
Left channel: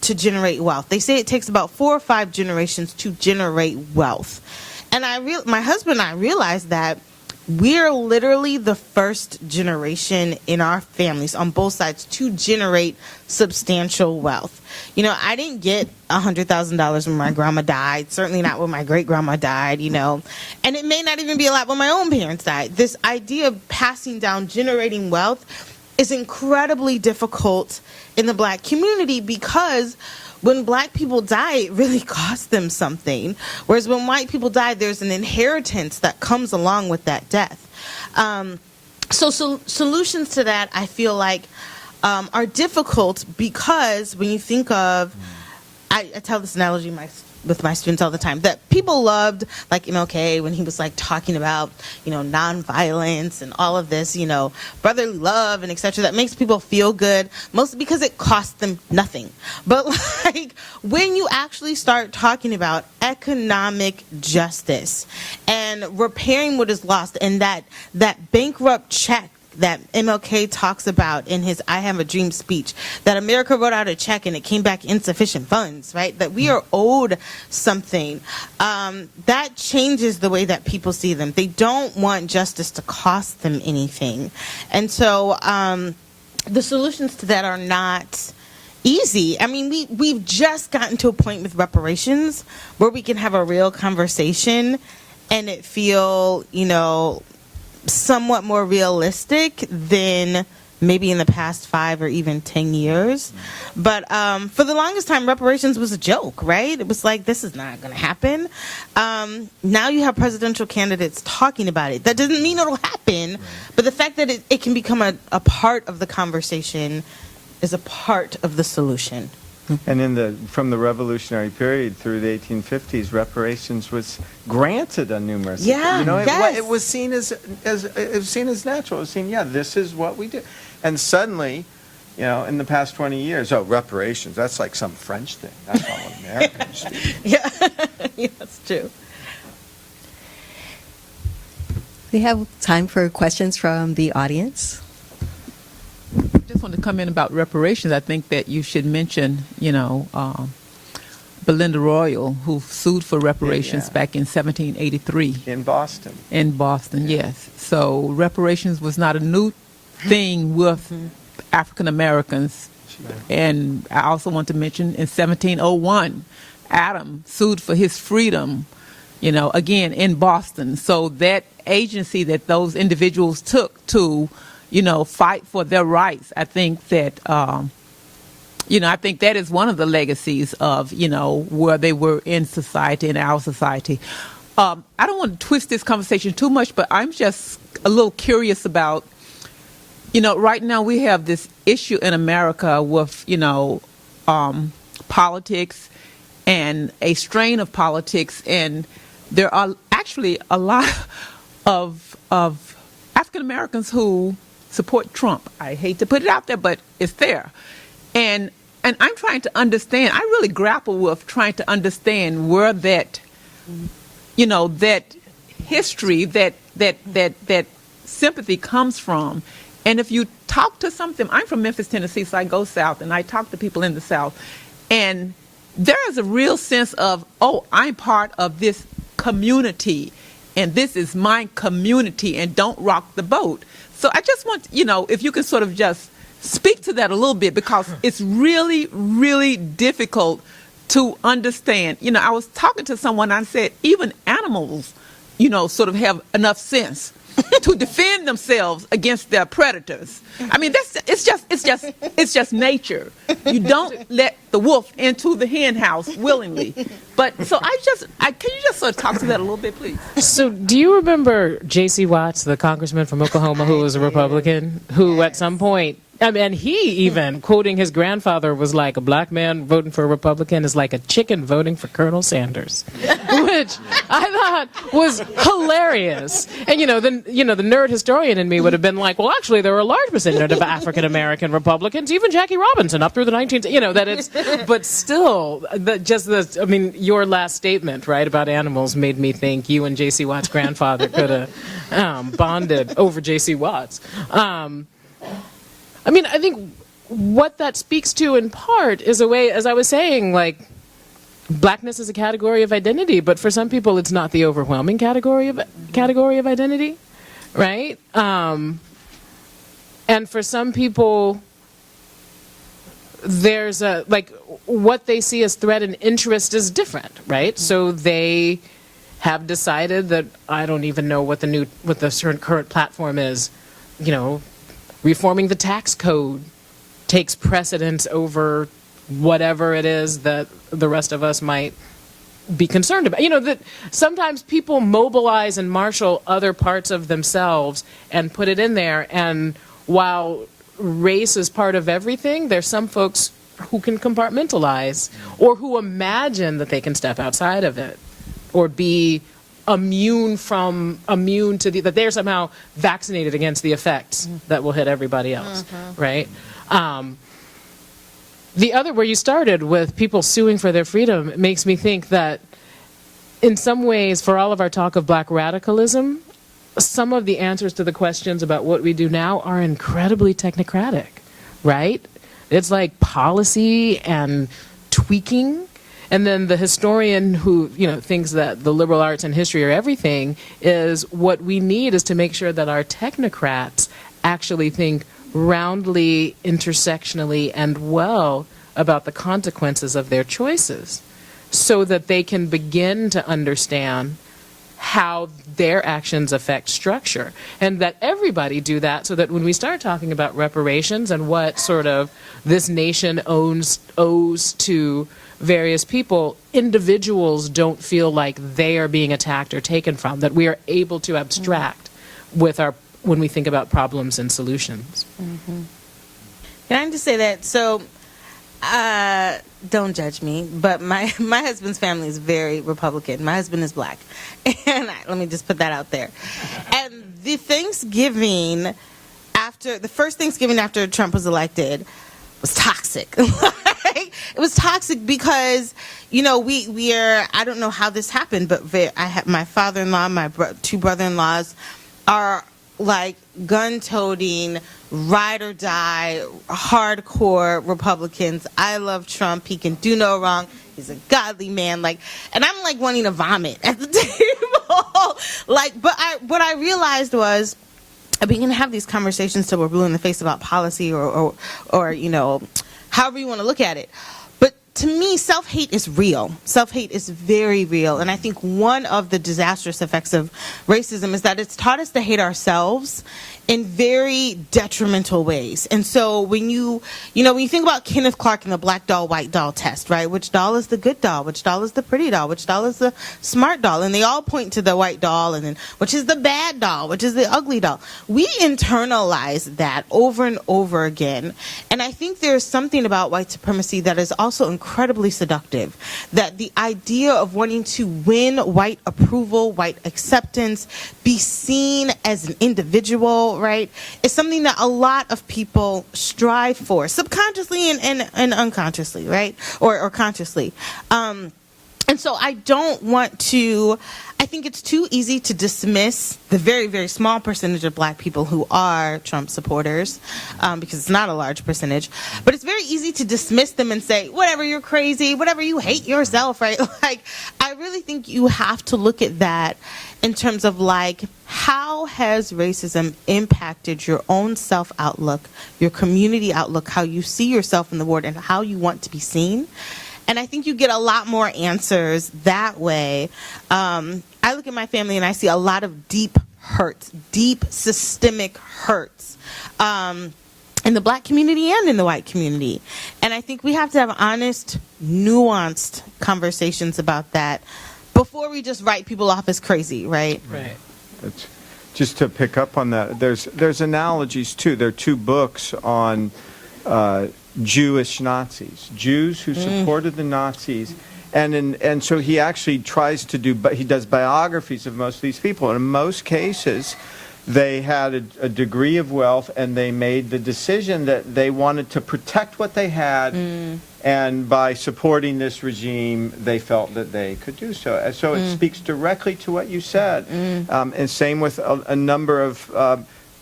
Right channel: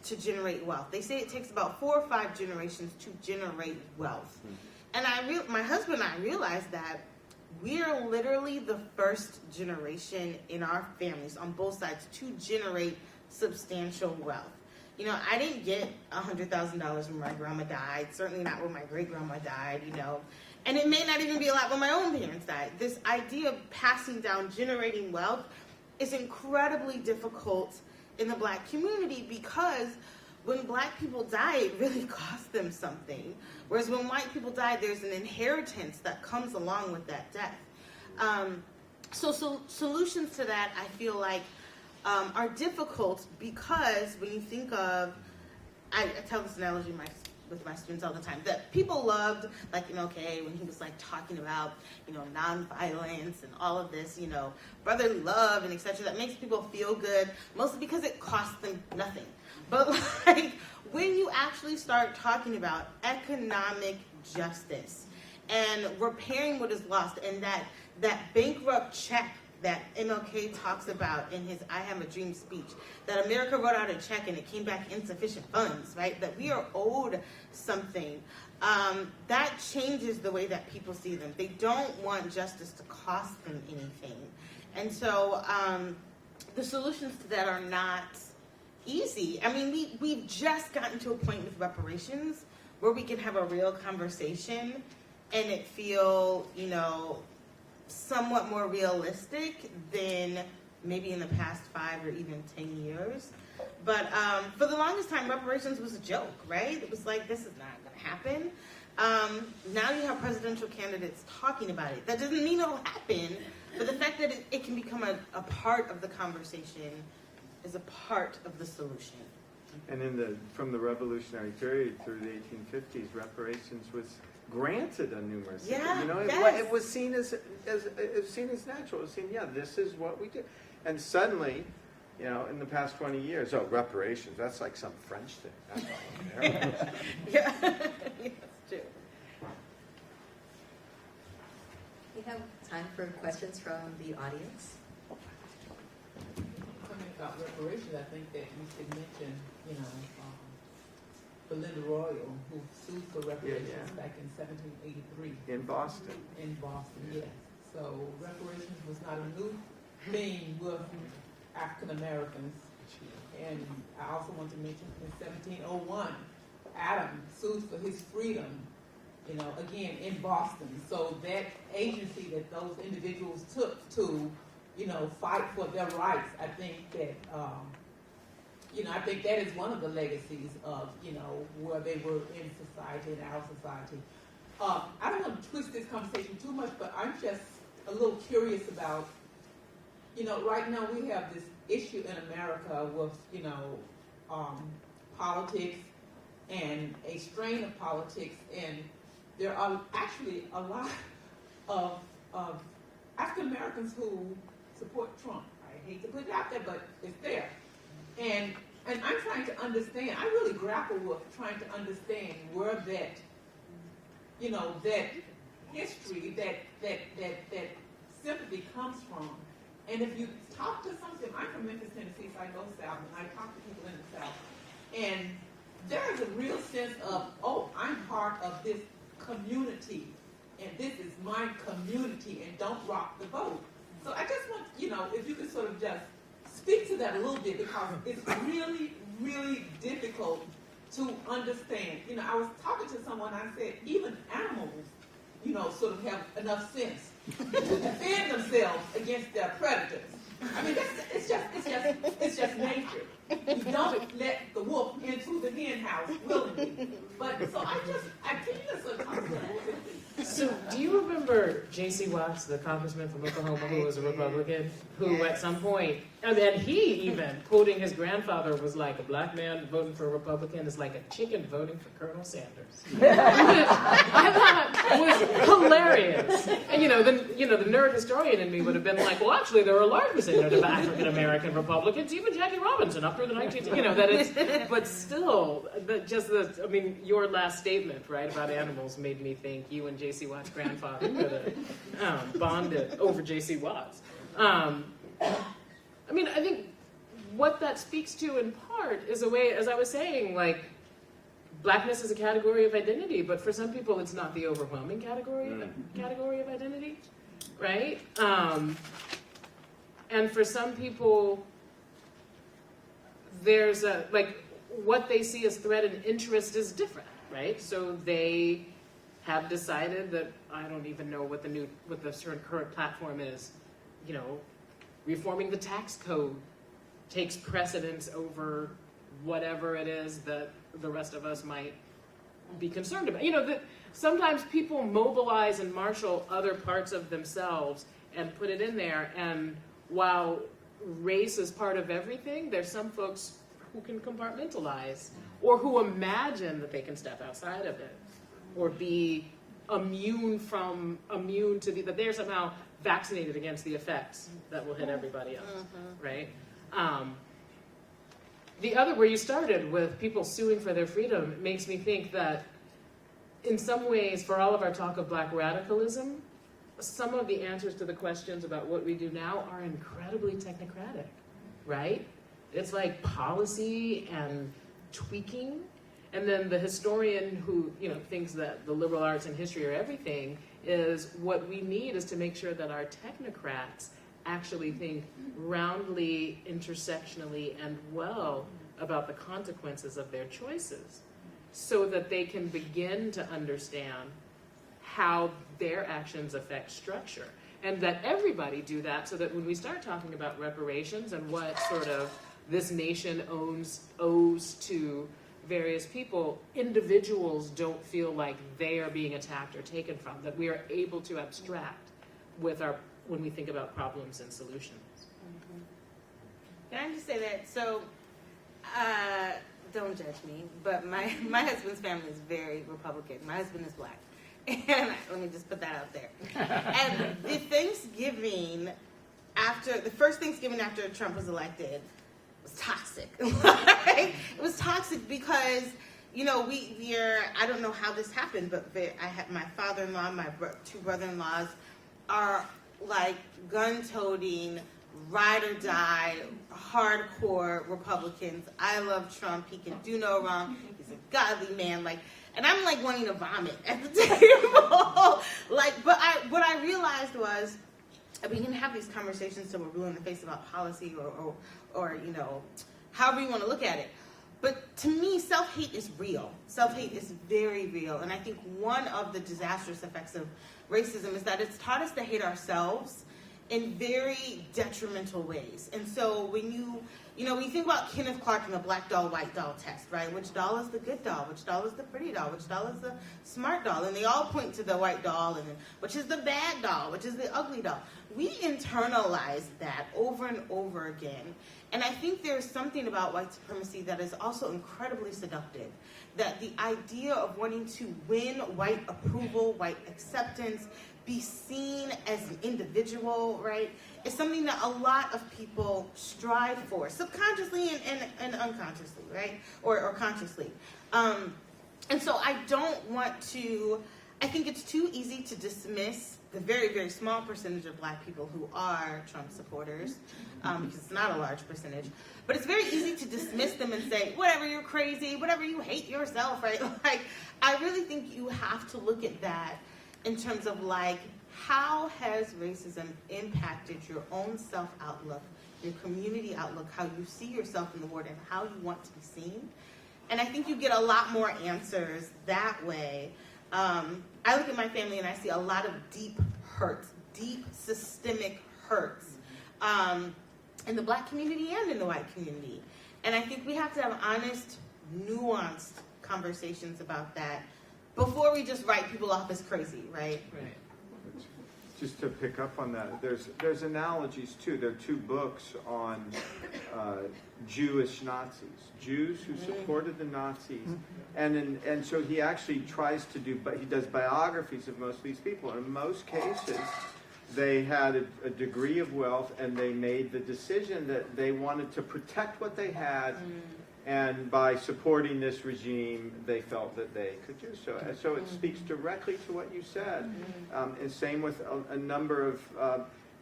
to generate wealth. They say it takes about 4 or 5 generations to generate wealth. And my husband and I realized that we're literally the first generation in our families on both sides to generate substantial wealth. You know, I didn't get $100,000 when my grandma died, certainly not when my great-grandma died, you know, and it may not even be a lot when my own parents died. This idea of passing down, generating wealth is incredibly difficult in the Black community because when Black people die, it really costs them something. Whereas when white people die, there's an inheritance that comes along with that death. So solutions to that, I feel like, are difficult because when you think of, I tell this analogy with my students all the time, that people loved, like MLK, when he was like talking about, you know, nonviolence and all of this, you know, brotherly love and etc. That makes people feel good, mostly because it costs them nothing. But like when you actually start talking about economic justice and repairing what is lost, and that bankrupt check that MLK talks about in his I Have a Dream speech, that America wrote out a check and it came back insufficient funds, right? That we are owed something. That changes the way that people see them. They don't want justice to cost them anything. And so the solutions to that are not easy. I mean, we've just gotten to a point with reparations where we can have a real conversation and it feel, you know, somewhat more realistic than maybe in the past 5 or even 10 years. But for the longest time, reparations was a joke, right? It was like, this is not going to happen. Now you have presidential candidates talking about it. That doesn't mean it'll happen, but the fact that it can become a part of the conversation is a part of the solution. And from the Revolutionary period through the 1850s, reparations was granted on numerous. Yeah, you know, yes. it was seen as natural. It was seen, yeah, this is what we do. And suddenly, you know, in the past 20 years, reparations, that's like some French thing. That's not what Americans do. Yeah, yeah, that's true. We have time for questions from the audience. I just want to comment about reparations. I think that you should mention, you know, Belinda Royal, who sued for reparations back in 1783. In Boston. In Boston, yes. So reparations was not a new thing with African Americans. And I also want to mention in 1701, Adam sued for his freedom, you know, again in Boston. So that agency that those individuals took to, you know, fight for their rights. I think that, you know, I think that is one of the legacies of, you know, where they were in society, in our society. I don't want to twist this conversation too much, but I'm just a little curious about, you know, right now we have this issue in America with, you know, politics and a strain of politics, and there are actually a lot of African Americans who support Trump. I hate to put it out there, but it's there. And I'm trying to understand, I really grapple with trying to understand where that, you know, that history, that sympathy comes from. And if you talk to something, I'm from Memphis, Tennessee, so I go south, and I talk to people in the South, and there is a real sense of, oh, I'm part of this community, and this is my community, and don't rock the boat. So I just want, you know, if you can sort of just speak to that a little bit, because it's really, really difficult to understand. You know, I was talking to someone, I said, even animals, you know, sort of have enough sense to defend themselves against their predators. I mean, it's just nature. You don't let the wolf into the hen house willingly. But so can you just sort of talk to that a little bit, please? So do you remember J.C. Watts, the congressman from Oklahoma who was a Republican, who at some point, and he even, quoting his grandfather, was like, a black man voting for a Republican is like a chicken voting for Colonel Sanders, which I thought was hilarious. And, the nerd historian in me would have been like, well, actually, there were a large percentage of African-American Republicans, even Jackie Robinson up through the 19th, but still, your last statement, right, about animals made me think you and J.C. Watts' grandfather could have bonded over J.C. Watts. I think what that speaks to in part is a way, as I was saying, like, blackness is a category of identity, but for some people it's not the overwhelming category of identity, right? And for some people, there's a, like, what they see as threat and interest is different, right? So they have decided that, I don't even know what the current platform is, you know, reforming the tax code takes precedence over whatever it is that the rest of us might be concerned about. You know, that sometimes people mobilize and marshal other parts of themselves and put it in there, and while race is part of everything, there's some folks who can compartmentalize or who imagine that they can step outside of it or be immune to that they're somehow vaccinated against the effects that will hit everybody else, right? The other, where you started with people suing for their freedom, it makes me think that in some ways, for all of our talk of black radicalism, some of the answers to the questions about what we do now are incredibly technocratic, right? It's like policy and tweaking. And then the historian who, you know, thinks that the liberal arts and history are everything, is what we need is to make sure that our technocrats actually think roundly, intersectionally, and well about the consequences of their choices, so that they can begin to understand how their actions affect structure, and that everybody do that, so that when we start talking about reparations and what sort of this nation owes to various people, individuals don't feel like they are being attacked or taken from, that we are able to abstract with when we think about problems and solutions. Can I just say that? So, don't judge me, but my husband's family is very Republican. My husband is black. And let me just put that out there. And the first Thanksgiving after Trump was elected was toxic. It was toxic because, you know, I don't know how this happened, but I have my father-in-law, my two brother-in-laws are like gun-toting, ride or die, hardcore Republicans. I love Trump. He can do no wrong. He's a godly man. Like, and I'm like wanting to vomit at the table. What I realized was, I began to have these conversations till we're blue in the face about policy or you know, however you want to look at it. But to me, self-hate is real. Self-hate is very real. And I think one of the disastrous effects of racism is that it's taught us to hate ourselves in very detrimental ways. And so when you think about Kenneth Clark and the black doll, white doll test, right? Which doll is the good doll? Which doll is the pretty doll? Which doll is the smart doll? And they all point to the white doll, and then which is the bad doll? Which is the ugly doll? We internalize that over and over again. And I think there's something about white supremacy that is also incredibly seductive. That the idea of wanting to win white approval, white acceptance, be seen as an individual, right, is something that a lot of people strive for, subconsciously and unconsciously, right, or consciously. And so I think it's too easy to dismiss the very, very small percentage of black people who are Trump supporters, because it's not a large percentage, but it's very easy to dismiss them and say, whatever, you're crazy, whatever, you hate yourself, right? Like, I really think you have to look at that in terms of, like, how has racism impacted your own self-outlook, your community outlook, how you see yourself in the world, and how you want to be seen? And I think you get a lot more answers that way. I look at my family and I see a lot of deep hurts, deep systemic hurts, in the black community and in the white community. And I think we have to have honest, nuanced conversations about that before we just write people off as crazy, right? Right. It's, just to pick up on that, there's analogies too. There are two books on Jewish Nazis, Jews who supported the Nazis, and so he actually tries to he does biographies of most of these people, and in most cases they had a degree of wealth, and they made the decision that they wanted to protect what they had, and by supporting this regime they felt that they could do so. So it speaks directly to what you said. And same with a number of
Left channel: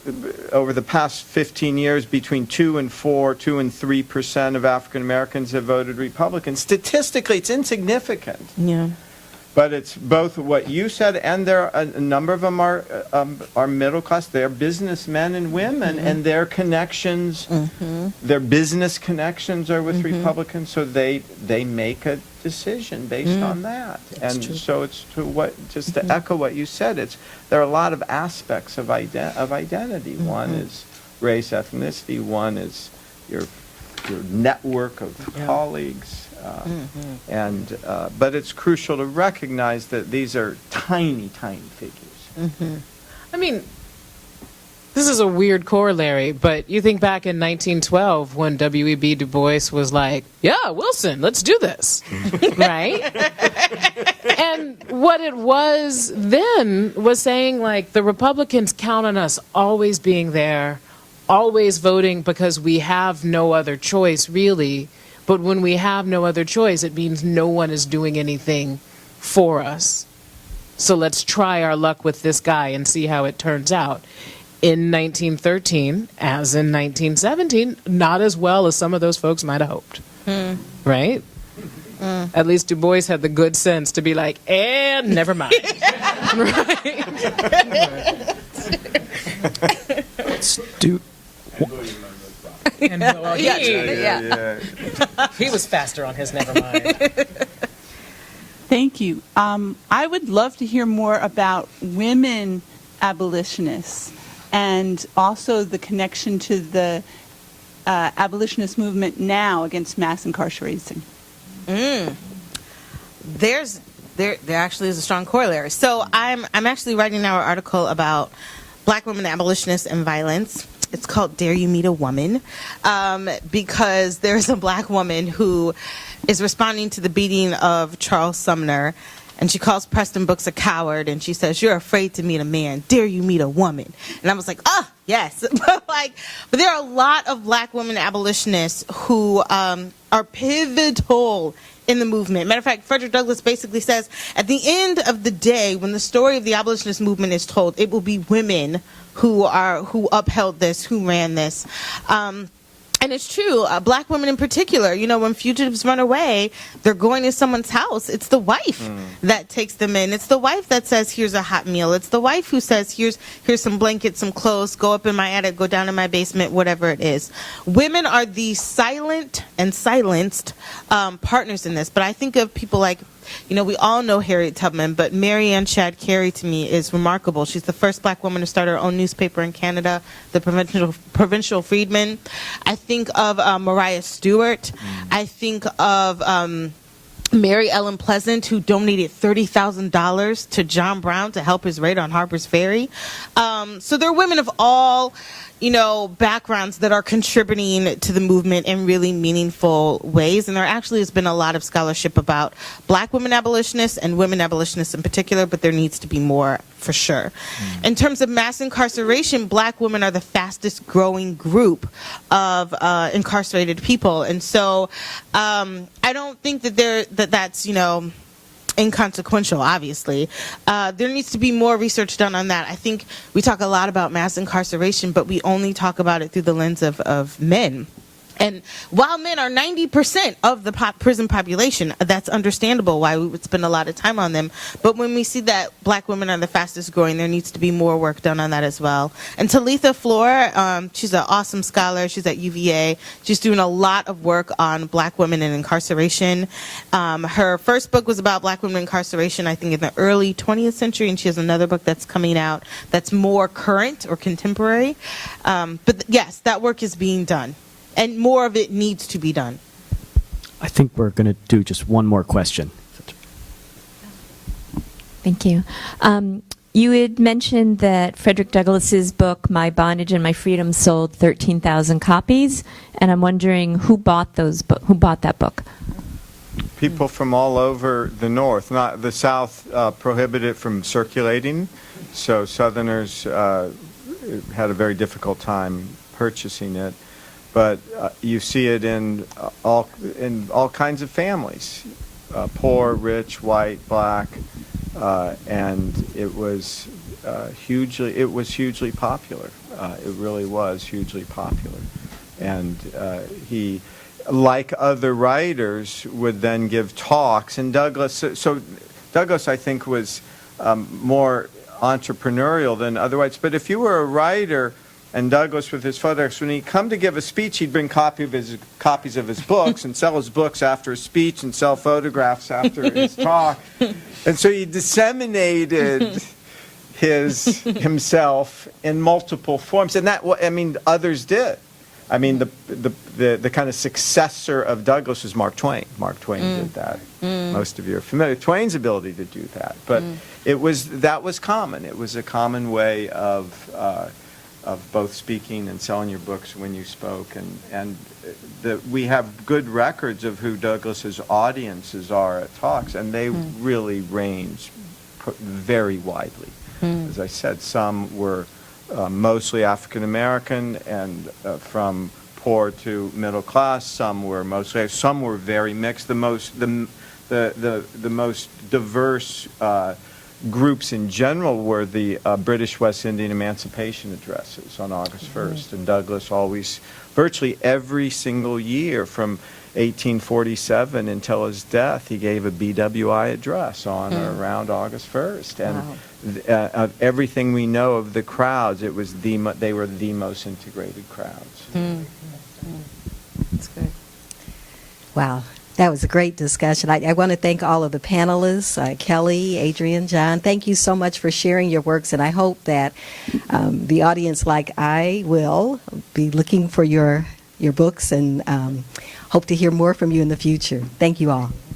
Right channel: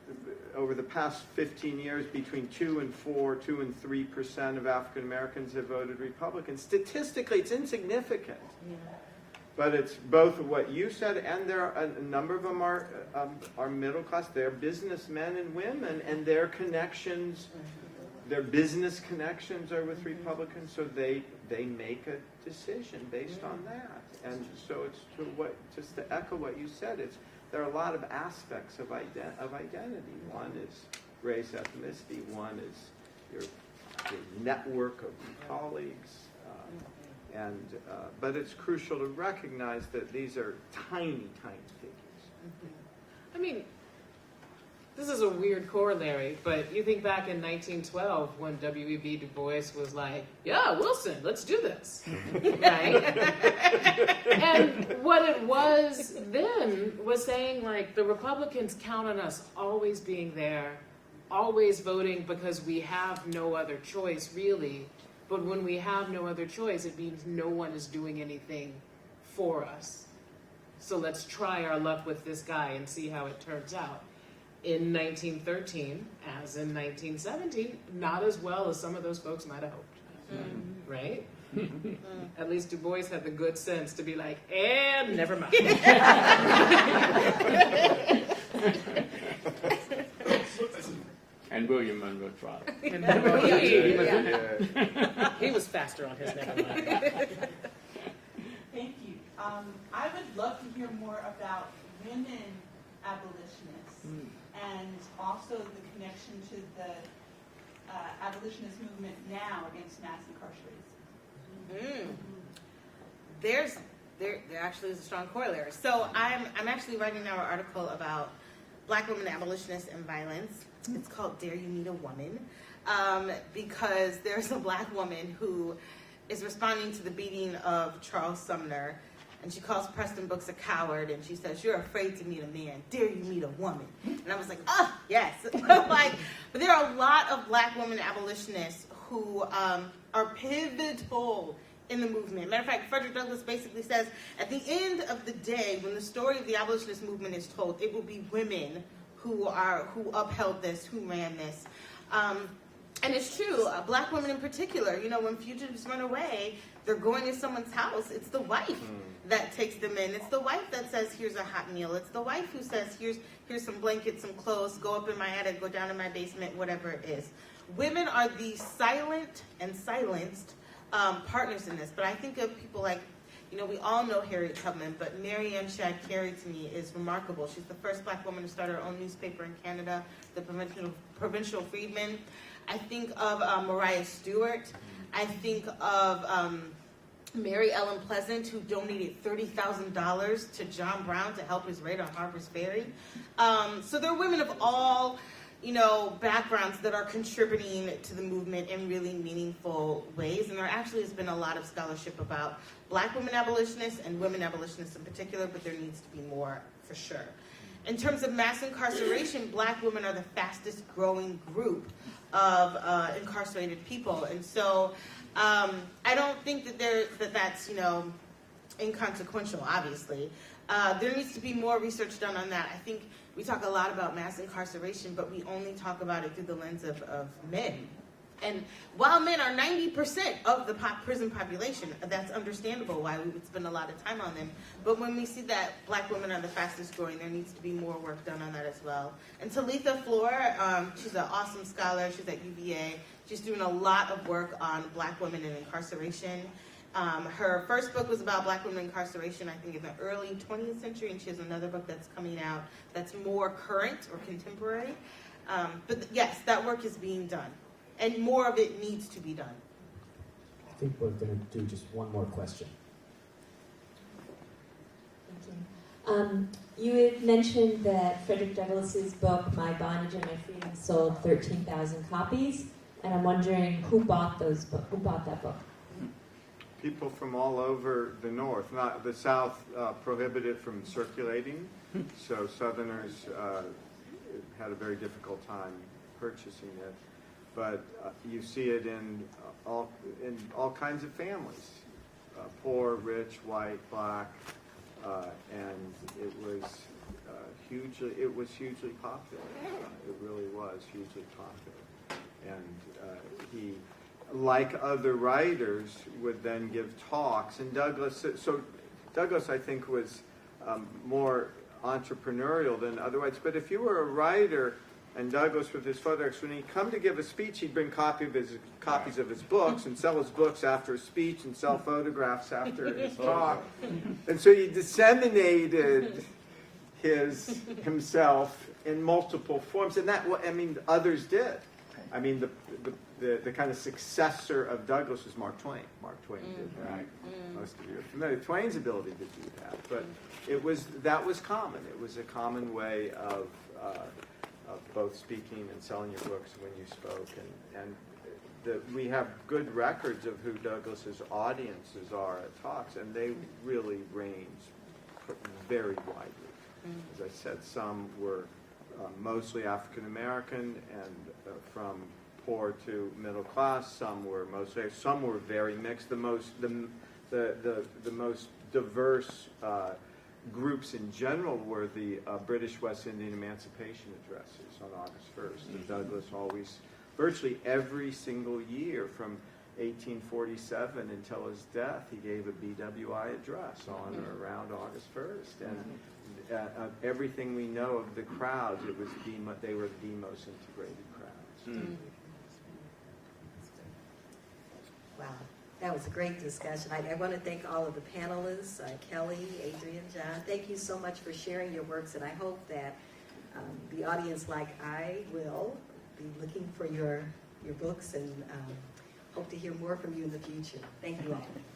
over the past 15 years, between 2 and 3% of African Americans have voted Republican. Statistically, it's insignificant. Yeah. But it's both what you said, and there are a number of them are middle class. They're businessmen and women, and their connections, their business connections are with Republicans, so they make a decision based on that. And so it's to echo what you said. There are a lot of aspects of identity. One is race, ethnicity. One is your network of colleagues. But it's crucial to recognize that these are tiny, tiny figures. I mean, this is a weird corollary, but you think back in 1912 when W.E.B. Du Bois was like, yeah, Wilson, let's do this, right? And what it was then was saying, like, the Republicans count on us always being there, always voting because we have no other choice, really. But when we have no other choice, it means no one is doing anything for us. So let's try our luck with this guy and see how it turns out. In 1913, as in 1917, not as well as some of those folks might have hoped. Right? At least Du Bois had the good sense to be like, and never mind. He was faster on his never mind. Thank you. I would love to hear more about women abolitionists and also the connection to the abolitionist movement now against mass incarceration. There actually is a strong corollary. So I'm actually writing now an article about Black women abolitionists and violence. It's called Dare You Meet a Woman, because there's a Black woman who is responding to the beating of Charles Sumner, and she calls Preston Brooks a coward, and she says, "You're afraid to meet a man. Dare you meet a woman?" And I was like, oh, yes. But there are a lot of Black women abolitionists who are pivotal in the movement. Matter of fact, Frederick Douglass basically says, at the end of the day, when the story of the abolitionist movement is told, it will be women who upheld this, who ran this. And it's true, Black women in particular, you know, when fugitives run away, they're going to someone's house. It's the wife that takes them in. It's the wife that says, here's a hot meal. It's the wife who says, here's some blankets, some clothes, go up in my attic, go down in my basement, whatever it is. Women are the silent and silenced partners in this. But I think of people like, you know, we all know Harriet Tubman, but Mary Ann Shadd Cary to me is remarkable. She's the first Black woman to start her own newspaper in Canada, the Provincial Freedman. I think of Mariah Stewart. I think of Mary Ellen Pleasant, who donated $30,000 to John Brown to help his raid on Harper's Ferry. So there are women of all, you know, backgrounds that are contributing to the movement in really meaningful ways. And there actually has been a lot of scholarship about Black women abolitionists and women abolitionists in particular, but there needs to be more for sure. In terms of mass incarceration, Black women are the fastest growing group of incarcerated people. And so I don't think that that's, you know, inconsequential, obviously. There needs to be more research done on that. I think we talk a lot about mass incarceration, but we only talk about it through the lens of men. And while men are 90% of the prison population, that's understandable why we would spend a lot of time on them. But when we see that Black women are the fastest growing, there needs to be more work done on that as well. And Talitha Floor, she's an awesome scholar. She's at UVA. She's doing a lot of work on Black women and incarceration. Her first book was about Black women incarceration, I think, in the early 20th century, and she has another book that's coming out that's more current or contemporary. But yes, that work is being done. And more of it needs to be done. I think we're going to do just one more question. Thank you. You had mentioned that Frederick Douglass's book, My Bondage and My Freedom, sold 13,000 copies, and I'm wondering who bought that book? People from all over the North. Not the South prohibited it from circulating, so Southerners had a very difficult time purchasing it. But you see it in all kinds of families, poor, rich, white, Black, and it was hugely popular. It really was hugely popular. And he, like other writers, would then give talks. And Douglass, Douglass, I think, was more entrepreneurial than otherwise. But if you were a writer, and Douglass with his photographs, when he'd come to give a speech, he'd bring copies of his books and sell his books after his speech and sell photographs after his talk. And so he disseminated himself in multiple forms. And that, I mean, others did. I mean, the kind of successor of Douglass was Mark Twain. Mark Twain did that. Most of you are familiar with Twain's ability to do that. But that was common. It was a common way of both speaking and selling your books when you spoke. And we have good records of who Douglass's audiences are at talks, and they really range very widely. As I said, some were mostly African American and from poor to middle class. Some were very mixed. The most diverse groups in general were the British West Indian Emancipation addresses on August 1st. And Douglass always, virtually every single year from 1847 until his death, he gave a BWI address on or around August 1st. And of everything we know of the crowds, they were the most integrated crowds. That's good. Wow. That was a great discussion. I want to thank all of the panelists, Kellie, Adrienne, John. Thank you so much for sharing your works, and I hope that the audience, like I will, be looking for your books and hope to hear more from you in the future. Thank you all.